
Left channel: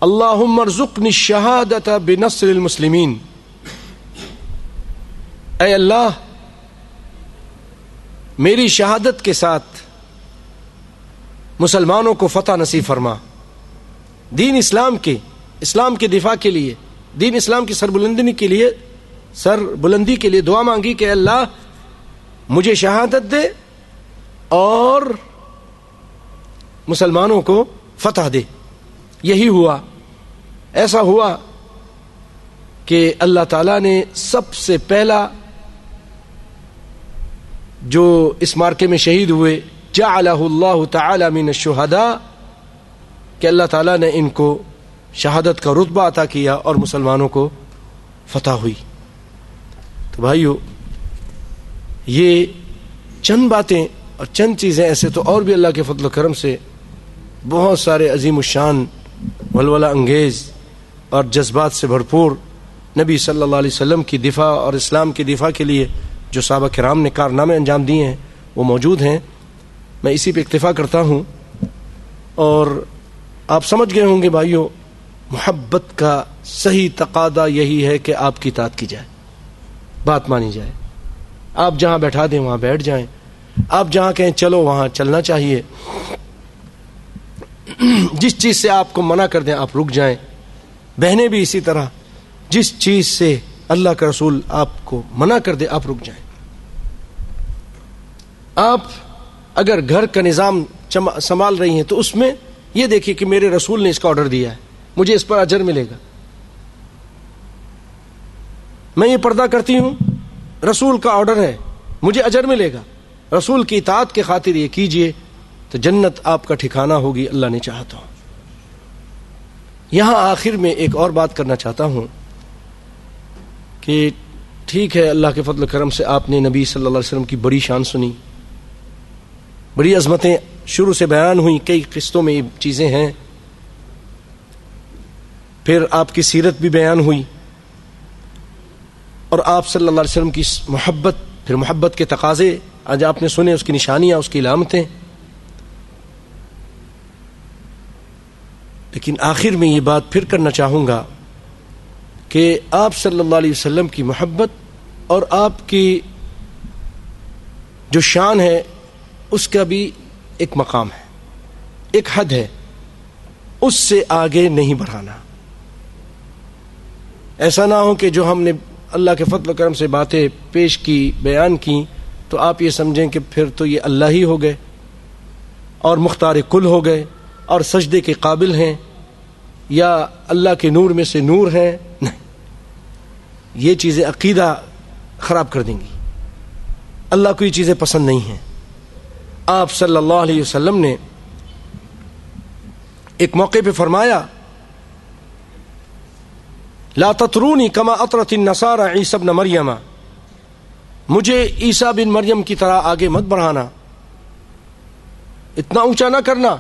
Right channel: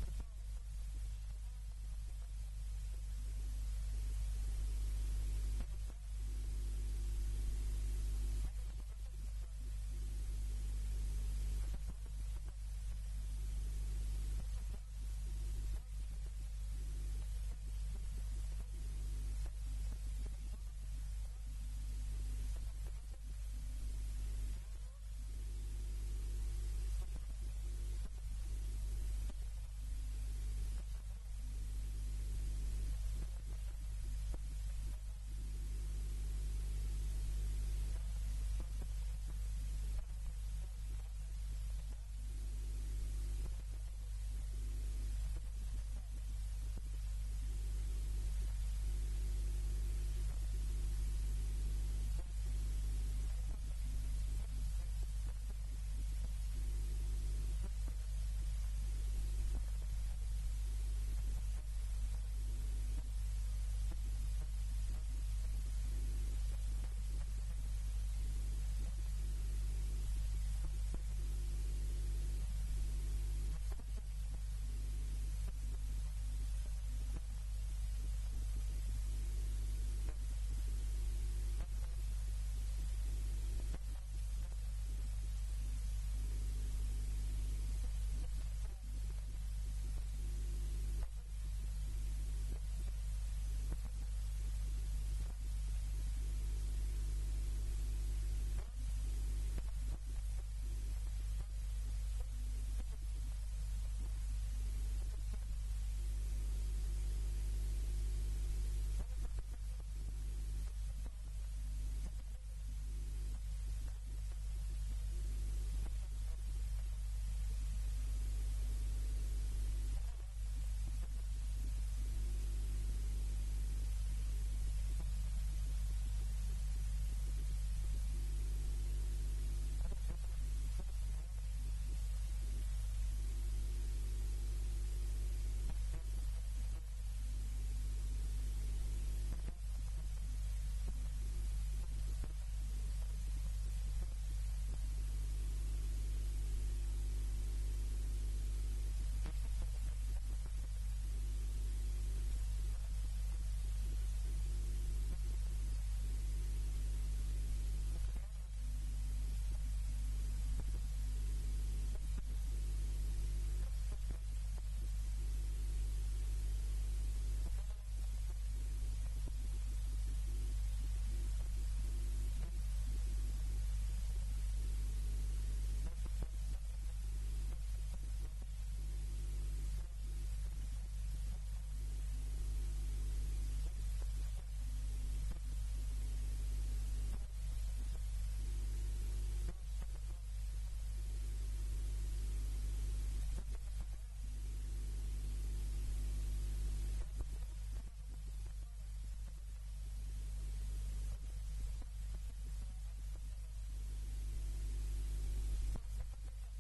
اللہم ارزقنی الشہادۃ بنصر المسلمین، اے اللہ میری شہادت کے ساتھ مسلمانوں کو فتح نصیب فرما۔ دین اسلام کے دفاع کے لیے، دین اسلام کی سربلندی کے لیے دعا مانگی کہ اللہ مجھے شہادت دے اور مسلمانوں کو فتح دے۔ یہی ہوا، ایسا ہوا کہ اللہ تعالیٰ نے سب سے پہلا جو اس مارکے میں شہید ہوئے، جعلہ اللہ تعالی من الشہداء، کہ اللہ تعالیٰ نے ان کو شہادت کا رتبہ عطا کیا اور مسلمانوں کو فتح ہوئی۔ تو بھائیو، یہ چند باتیں اور چند چیزیں، ایسے تو اور بھی اللہ کے فضل و کرم سے بہت سارے عظیم الشان، ولولہ انگیز اور جذبات سے بھرپور نبی صلی اللہ علیہ وسلم کی دفاع اور اسلام کی دفاع کے لیے جو صحابہ کرام نے کارنامے انجام دیے ہیں وہ موجود ہیں۔ میں اسی پہ اکتفا کرتا ہوں، اور آپ سمجھ گئے ہوں گے بھائیو، محبت کا صحیح تقاضا یہی ہے کہ آپ کی اطاعت کی جائے، بات مانی جائے، آپ جہاں بیٹھا دیں وہاں بیٹھ جائیں، آپ جہاں کہیں چلو وہاں چلنا چاہیے، جس چیز سے آپ کو منع کر دیں آپ رک جائیں۔ بہنیں بھی اسی طرح، جس چیز سے اللہ کا رسول آپ کو منع کر دے آپ رک جائیں۔ آپ اگر گھر کا نظام سنبھال رہی ہیں تو اس میں یہ دیکھیے کہ میرے رسول نے اس کا آرڈر دیا ہے، مجھے اس پر اجر ملے گا۔ میں یہ پردہ کرتی ہوں، رسول کا آرڈر ہے، مجھے اجر ملے گا، رسول کی اطاعت کے خاطر یہ کیجئے تو جنت آپ کا ٹھکانہ ہوگی، اللہ نے چاہا تو۔ یہاں آخر میں ایک اور بات کرنا چاہتا ہوں کہ ٹھیک ہے، اللہ کے فضل و کرم سے آپ نے نبی صلی اللہ علیہ وسلم کی بڑی شان سنی، بڑی عظمتیں شروع سے بیان ہوئیں، کئی قسطوں میں یہ چیزیں ہیں، پھر آپ کی سیرت بھی بیان ہوئی، اور آپ صلی اللہ علیہ وسلم کی محبت، پھر محبت کے تقاضے آج آپ نے سنے، اس کی نشانیاں، اس کی علامتیں۔ لیکن آخر میں یہ بات پھر کرنا چاہوں گا کہ آپ صلی اللہ علیہ وسلم کی محبت اور آپ کی جو شان ہے اس کا بھی ایک مقام ہے، ایک حد ہے، اس سے آگے نہیں بڑھانا۔ ایسا نہ ہو کہ جو ہم نے اللہ کے فضل و کرم سے باتیں پیش کی، بیان کی، تو آپ یہ سمجھیں کہ پھر تو یہ اللہ ہی ہو گئے اور مختار کل ہو گئے اور سجدے کے قابل ہیں، یا اللہ کے نور میں سے نور ہیں۔ نہیں، یہ چیزیں عقیدہ خراب کر دیں گی، اللہ کو یہ چیزیں پسند نہیں ہیں۔ آپ صلی اللہ علیہ وسلم نے ایک موقع پہ فرمایا، لا تطرونی کما اطرت النصارى عیسی ابن مریم، مجھے عیسیٰ بن مریم کی طرح آگے مت بڑھانا، اتنا اونچا نہ کرنا۔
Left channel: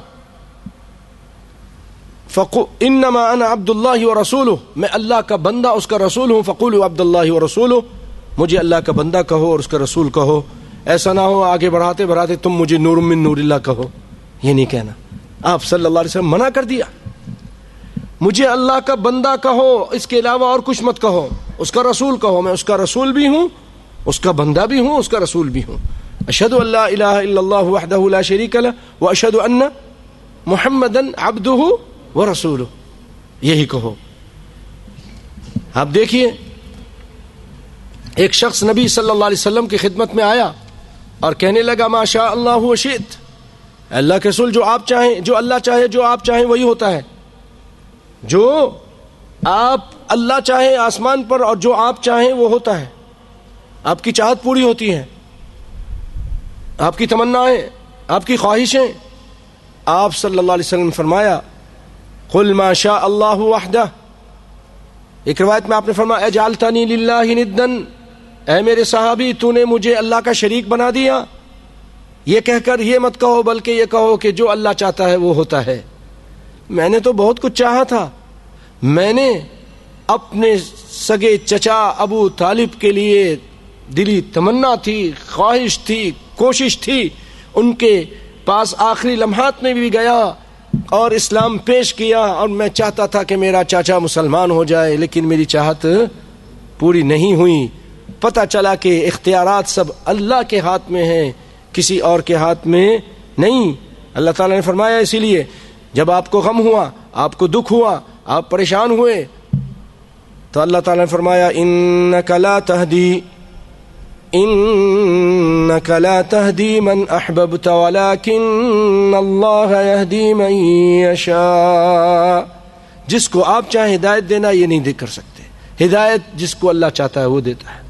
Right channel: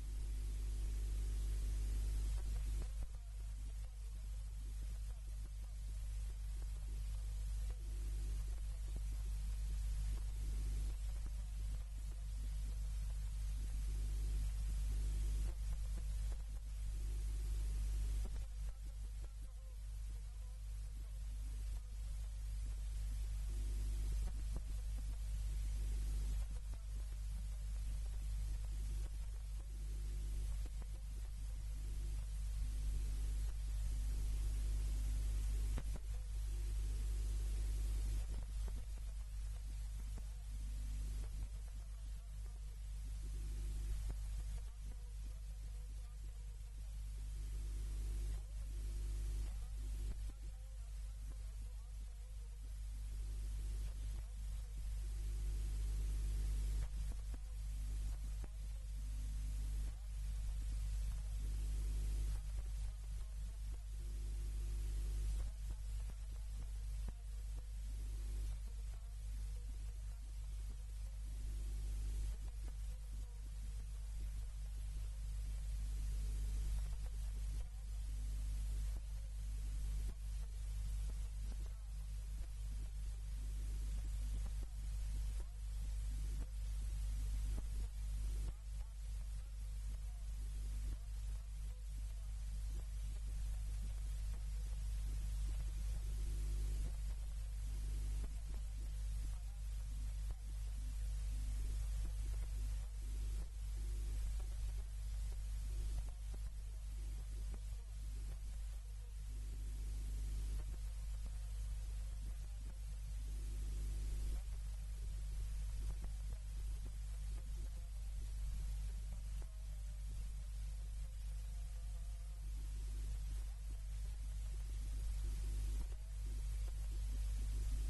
انما انا عبد اللہ ورسولہ، میں اللہ کا بندہ اس کا رسول ہوں، فقولوا عبد اللہ ورسولہ، مجھے اللہ کا بندہ کہو اور اس کا رسول کہو۔ ایسا نہ ہو آگے بڑھاتے بڑھاتے تم مجھے نور من نور اللہ کہو، یہ نہیں کہنا۔ آپ صلی اللہ علیہ وسلم منع کر دیا، مجھے اللہ کا بندہ کہو، اس کے علاوہ اور کچھ مت کہو، اس کا رسول کہو، میں اس کا رسول بھی ہوں، اس کا بندہ بھی ہوں، اس کا رسول بھی ہوں۔ اشہد ان لا الہ الا اللہ وحدہ لا شریک لہ واشہد ان محمدا عبدہ ورسولہ۔ یہی کہو. آپ دیکھیے ایک شخص نبی صلی اللہ علیہ وسلم کی خدمت میں آیا اور کہنے لگا ما شاء اللہ و شئت، اللہ کے رسول جو آپ چاہیں، جو اللہ چاہے، جو آپ چاہیں وہی ہوتا ہے. جو آپ اللہ چاہیں آسمان پر اور جو آپ چاہیں وہ ہوتا ہے. آپ کی چاہت پوری ہوتی ہے، آپ کی تمنائیں، آپ کی خواہشیں. آپ صلی اللہ علیہ وسلم نے فرمایا قل ما شاء اللہ وحدہ. ایک روایت میں آپ نے فرمایا اجعلتنی للہ ندا، اے میرے صحابی تو نے مجھے اللہ کا شریک بنا دیا. یہ کہہ کر یہ مت کہو بلکہ یہ کہو کہ جو اللہ چاہتا ہے وہ ہوتا ہے. میں نے تو بہت کچھ چاہا تھا، میں نے اپنے سگے چچا ابو طالب کے لیے دلی تمنا تھی، خواہش تھی، کوشش تھی، ان کے پاس آخری لمحات میں بھی گیا اور اسلام پیش کیا، اور میں چاہتا تھا کہ میرا چاچا مسلمان ہو جائے، لیکن میری چاہت پوری نہیں ہوئی. پتہ چلا کہ اختیارات سب اللہ کے ہاتھ میں ہیں، کسی اور کے ہاتھ میں نہیں. اللہ تعالیٰ نے فرمایا اسی لیے جب آپ کو غم ہوا، آپ کو دکھ ہوا، آپ پریشان ہوئے، تو اللہ تعالیٰ نے فرمایا انک لا تہدی من احببت ولکن اللہ یہدی من یشاء. جس کو آپ چاہیں ہدایت دینا یہ نہیں کر سکتے، ہدایت جس کو اللہ چاہتا ہے وہ دیتا ہے.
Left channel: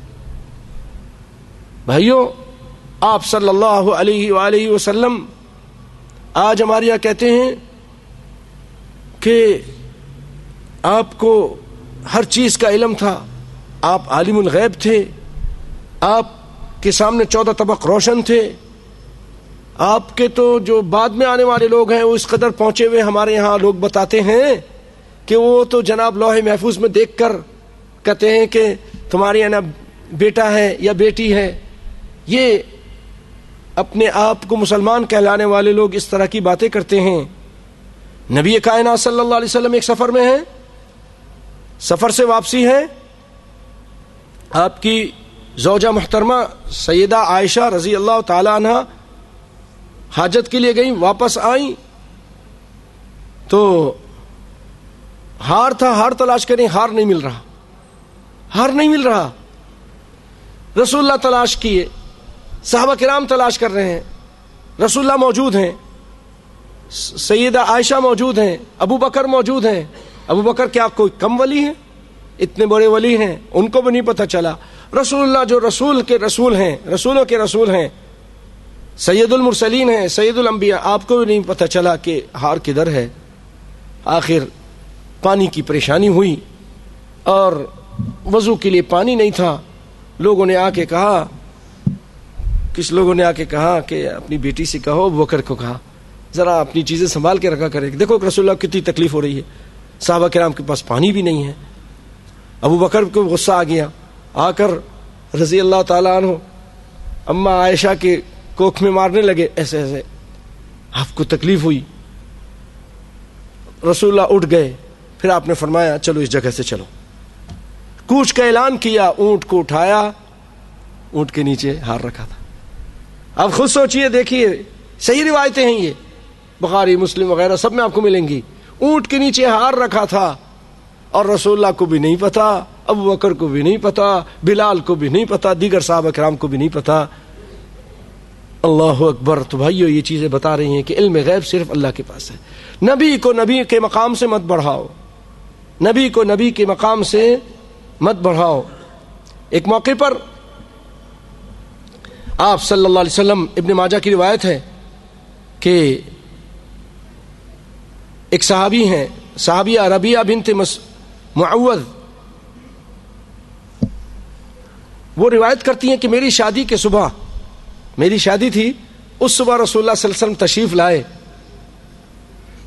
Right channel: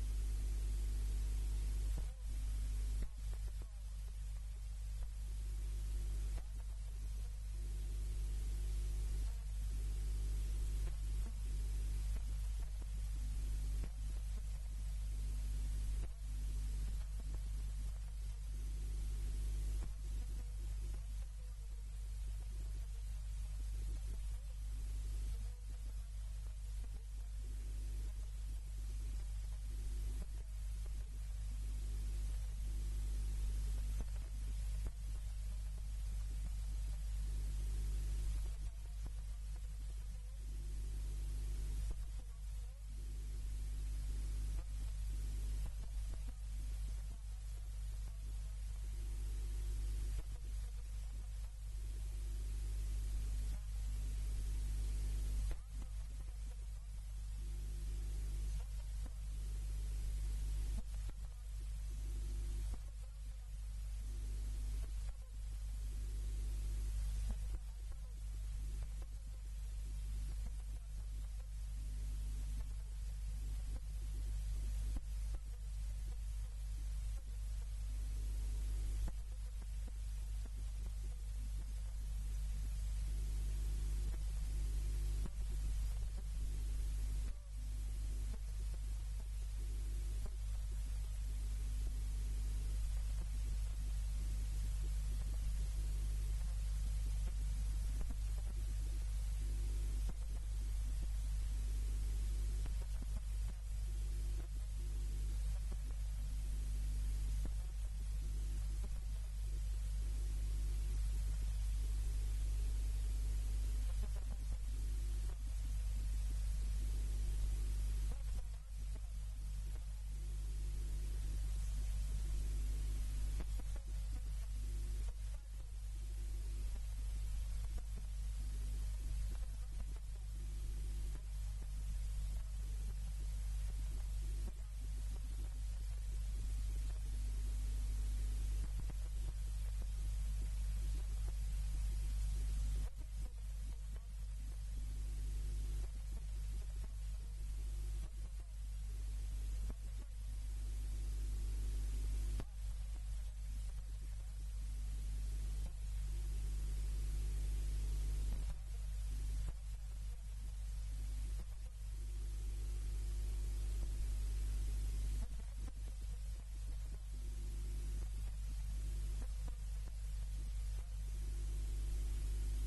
بھائیو، آپ صلی اللہ علیہ وآلہ وسلم آج ہمارے یہاں کہتے ہیں کہ آپ کو ہر چیز کا علم تھا، آپ عالم الغیب تھے، آپ کے سامنے 14 طبق روشن تھے. آپ کے تو جو بعد میں آنے والے لوگ ہیں وہ اس قدر پہنچے ہوئے، ہمارے یہاں لوگ بتاتے ہیں کہ وہ تو جناب لوح محفوظ میں دیکھ کر کہتے ہیں کہ تمہارے یہاں بیٹا ہے یا بیٹی ہے. یہ اپنے آپ کو مسلمان کہلانے والے لوگ اس طرح کی باتیں کرتے ہیں. نبی کائنات صلی اللہ علیہ وسلم ایک سفر میں ہیں، سفر سے واپسی ہے، آپ کی زوجہ محترمہ سیدہ عائشہ رضی اللہ تعالی عنہ حاجت کے لیے گئیں، واپس آئیں تو ہار تھا، ہار تلاش کریں، ہار نہیں مل رہا، ہار نہیں مل رہا. رسول اللہ تلاش کیے، صحابہ کرام تلاش کر رہے ہیں، رسول اللہ موجود ہیں، سیدہ عائشہ موجود ہیں، ابو بکر موجود ہیں. ابو بکر کیا کوئی کم ولی ہیں؟ اتنے بڑے ولی ہیں، ان کو بھی نہیں پتہ چلا. رسول اللہ جو رسول کے رسول ہیں، رسولوں کے رسول ہیں، سید المرسلین ہیں، سید الانبیاء، آپ کو بھی نہیں پتہ چلا کہ ہار کدھر ہے. آخر پانی کی پریشانی ہوئی اور وضو کے لیے پانی نہیں تھا. لوگوں نے آ کے کہا، کچھ لوگوں نے آ کے کہا کہ اپنی بیٹی سے کہو، ابو بکر کو کہا ذرا اپنی چیزیں سنبھال کے رکھا کرے، دیکھو کہ رسول اللہ کتنی تکلیف ہو رہی ہے، صحابہ کرام کے پاس پانی بھی نہیں ہے. ابو بکر کو غصہ آ گیا، آ کر رضی اللہ تعالیٰ عنہ اما عائشہ کے کوکھ میں مارنے لگے، ایسے ایسے آپ کو تکلیف ہوئی. رسول اللہ اٹھ گئے، پھر آپ نے فرمایا چلو اس جگہ سے چلو. کوچ کا اعلان کیا، اونٹ کو اٹھایا، اونٹ کے نیچے ہار رکھا تھا. اب خود سوچئے، دیکھیے صحیح روایتیں ہیں، یہ بخاری مسلم وغیرہ سب میں آپ کو ملیں گی. اونٹ کے نیچے ہار رکھا تھا اور رسول اللہ کو بھی نہیں پتا، ابو بکر کو بھی نہیں پتا، بلال کو بھی نہیں پتا، دیگر صحابہ کرام کو بھی نہیں پتا. اللہ اکبر. تو بھائیو یہ چیزیں بتا رہی ہیں کہ علم غیب صرف اللہ کے پاس ہے. نبی کو نبی کے مقام سے مت بڑھاؤ، نبی کو نبی کے مقام سے مت بڑھاؤ. ایک موقع پر آپ صلی اللہ علیہ وسلم، ابن ماجہ کی روایت ہے کہ ایک صحابی ہیں، صحابیہ ربیعہ بنت معوذ، وہ روایت کرتی ہیں کہ میری شادی کے صبح، میری شادی تھی، اس صبح رسول اللہ صلی اللہ علیہ وسلم تشریف لائے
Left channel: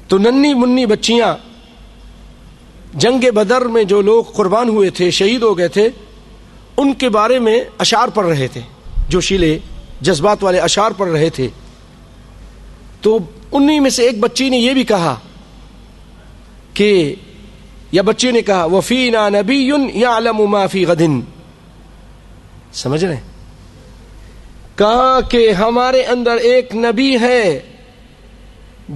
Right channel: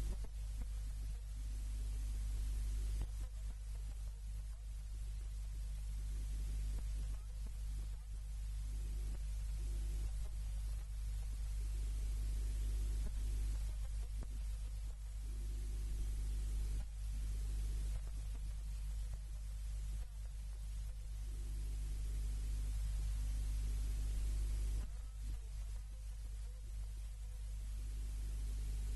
تو ننھی منی بچیاں جنگ بدر میں جو لوگ قربان ہوئے تھے، شہید ہو گئے تھے، ان کے بارے میں اشعار پڑھ رہے تھے، جوشیلے جذبات والے اشعار پڑھ رہے تھے. تو انہی میں سے ایک بچی نے یہ بھی کہا کہ، یا بچی نے کہا وَفِينَا نَبِيٌّ يَعْلَمُ مَا فِي غَدٍ، سمجھ رہے ہیں؟ کہا کہ ہمارے اندر ایک نبی ہے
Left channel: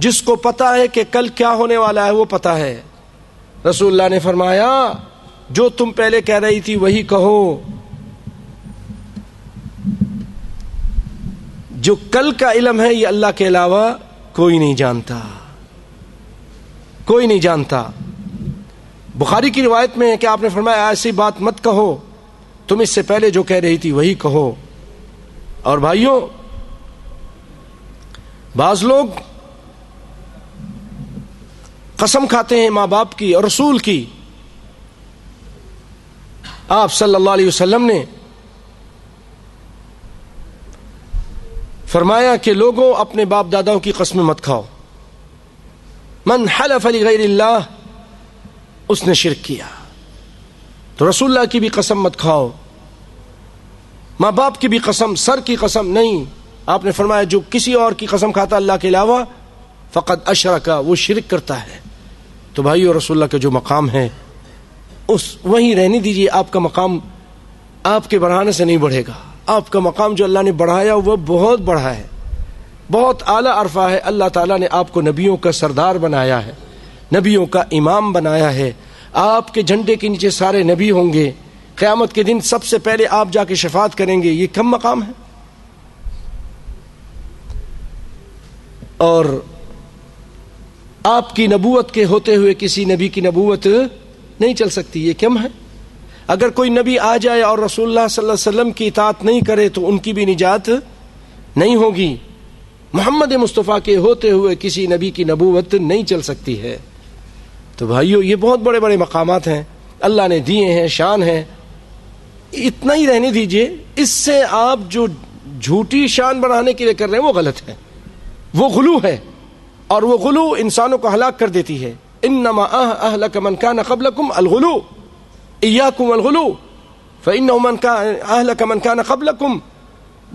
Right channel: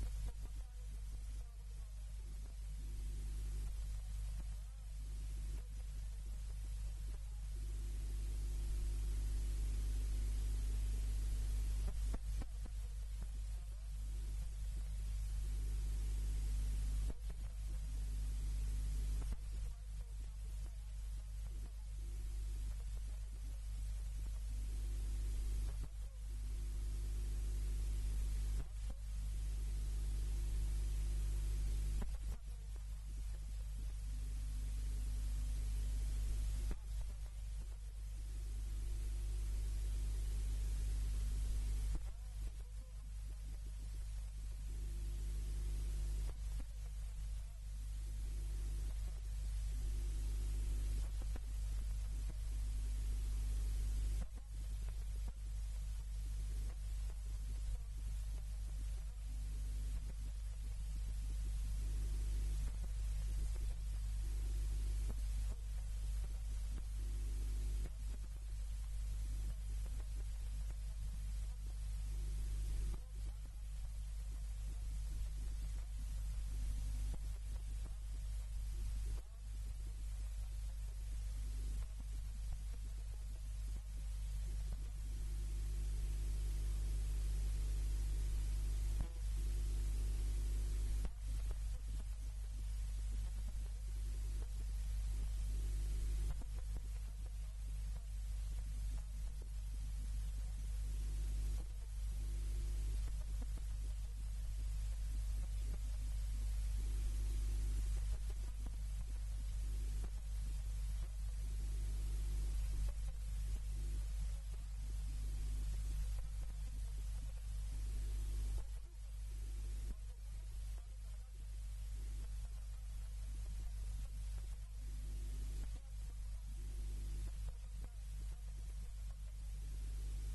جس کو پتا ہے کہ کل کیا ہونے والا ہے، وہ پتا ہے. رسول اللہ نے فرمایا جو تم پہلے کہہ رہی تھی وہی کہو، جو کل کا علم ہے یہ اللہ کے علاوہ کوئی نہیں جانتا، کوئی نہیں جانتا۔ بخاری کی روایت میں ہے کہ آپ نے فرمایا ایسی بات مت کہو، تم اس سے پہلے جو کہہ رہی تھی وہی کہو۔ اور بھائیوں، بعض لوگ قسم کھاتے ہیں ماں باپ کی اور رسول کی۔ آپ صلی اللہ علیہ وسلم نے فرمایا کہ لوگوں اپنے باپ داداؤں کی قسمیں مت کھاؤ، من حلف لغیر اللہ، اس نے شرک کیا۔ تو رسول اللہ کی بھی قسم مت کھاؤ، ماں باپ کی بھی قسم، سر کی قسم نہیں۔ آپ نے فرمایا جو کسی اور کی قسم کھاتا اللہ کے علاوہ فقد اشرک، وہ شرک کرتا ہے۔ تو بھائیو، رسول اللہ کا جو مقام ہے اس وہیں رہنے دیجیے۔ آپ کا مقام آپ کے بڑھانے سے نہیں بڑھے گا، آپ کا مقام جو اللہ نے بڑھایا وہ بہت بڑھا ہے، بہت اعلیٰ عرفہ ہے۔ اللہ تعالیٰ نے آپ کو نبیوں کا سردار بنایا ہے، نبیوں کا امام بنایا ہے۔ آپ کے جھنڈے کے نیچے سارے نبی ہوں گے، قیامت کے دن سب سے پہلے آپ جا کے شفاعت کریں گے، یہ کم مقام ہے؟ اور آپ کی نبوت کے ہوتے ہوئے کسی نبی کی نبوت نہیں چل سکتی، یہ کم ہے؟ اگر کوئی نبی آ جائے اور رسول اللہ صلی اللہ علیہ وسلم کی اطاعت نہیں کرے تو ان کی بھی نجات نہیں ہوگی۔ محمد مصطفیٰ کے ہوتے ہوئے کسی نبی کی نبوت نہیں چل سکتی ہے۔ تو بھائیو، یہ بہت بڑے بڑے مقامات ہیں اللہ نے دیے ہیں، شان ہے، اتنا ہی رہنے دیجئے۔ اس سے آپ جو جھوٹی شان بڑھانے کے لیے کر رہے ہیں وہ غلط ہے، وہ غلو ہے، اور وہ غلو انسانوں کو ہلاک کر دیتی ہے۔ انما اہلک من کان قبلکم الغلو ایاکم الغلو فانہ من کان اہلک من کان قبلکم۔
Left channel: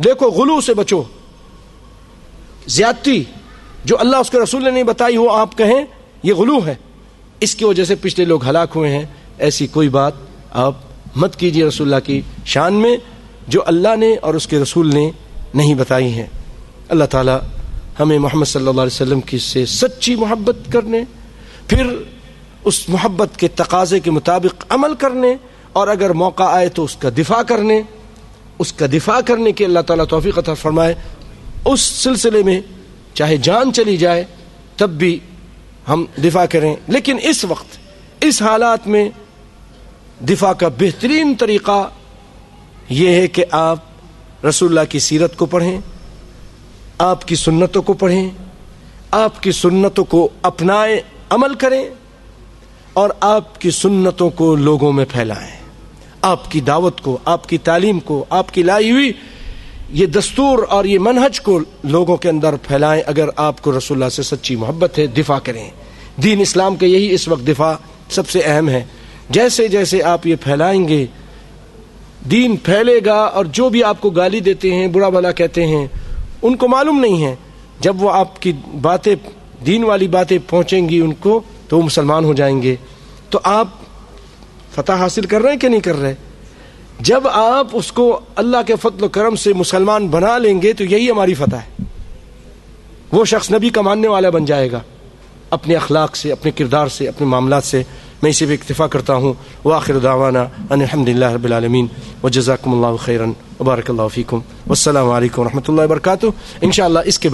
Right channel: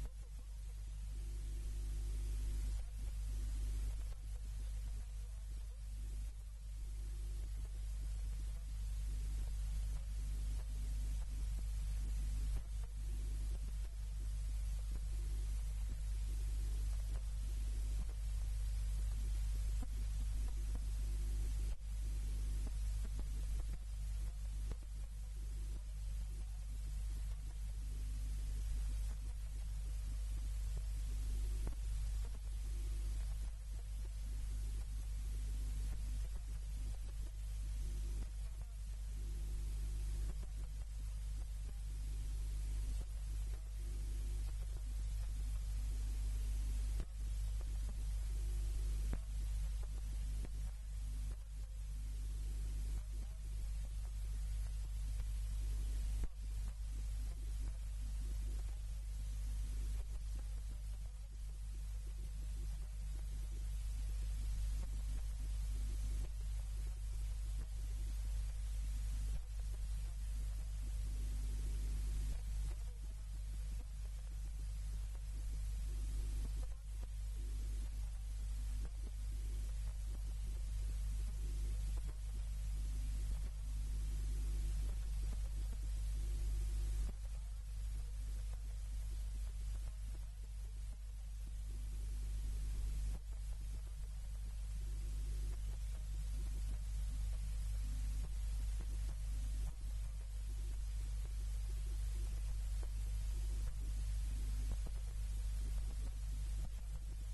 دیکھو، غلو سے بچو، زیادتی جو اللہ اس کے رسول نے نہیں بتائی ہو آپ کہیں یہ غلو ہے، اس کی وجہ سے پچھلے لوگ ہلاک ہوئے ہیں۔ ایسی کوئی بات آپ مت کیجیے رسول اللہ کی شان میں جو اللہ نے اور اس کے رسول نے نہیں بتائی ہیں۔ اللہ تعالی ہمیں محمد صلی اللہ علیہ وسلم کی سے سچی محبت کرنے، پھر اس محبت کے تقاضے کے مطابق عمل کرنے، اور اگر موقع آئے تو اس کا دفاع کرنے، اس کا دفاع کرنے کی اللہ تعالیٰ توفیق عطا فرمائے۔ اس سلسلے میں چاہے جان چلی جائے تب بھی ہم دفاع کریں، لیکن اس وقت اس حالات میں دفاع کا بہترین طریقہ یہ ہے کہ آپ رسول اللہ کی سیرت کو پڑھیں، آپ کی سنتوں کو پڑھیں، آپ کی سنتوں کو اپنائیں، عمل کریں، اور آپ کی سنتوں کو لوگوں میں پھیلائیں، آپ کی دعوت کو، آپ کی تعلیم کو، آپ کی لائی ہوئی یہ دستور اور یہ منہج کو لوگوں کے اندر پھیلائیں۔ اگر آپ کو رسول اللہ سے سچی محبت ہے، دفاع کریں۔ دین اسلام کے یہی اس وقت دفاع سب سے اہم ہے۔ جیسے جیسے آپ یہ پھیلائیں گے دین پھیلے گا، اور جو بھی آپ کو گالی دیتے ہیں، برا بھلا کہتے ہیں، ان کو معلوم نہیں ہے، جب وہ آپ کی باتیں، دین والی باتیں پہنچیں گی ان کو تو وہ مسلمان ہو جائیں گے۔ تو آپ فتح حاصل کر رہے ہیں کہ نہیں کر رہے؟ جب آپ اس کو اللہ کے فضل و کرم سے مسلمان بنا لیں گے تو یہی ہماری فتح ہے۔ وہ شخص نبی کا ماننے والا بن جائے گا اپنے اخلاق سے، اپنے کردار سے، اپنے معاملات سے۔ میں اسی پہ اکتفا کرتا ہوں۔ وآخر دعوانا ان الحمد للہ رب العالمین وجزاکم اللہ خیرا وبارک اللہ فیکم والسلام علیکم ورحمۃ اللہ وبرکاتہ۔ انشاءاللہ اس کے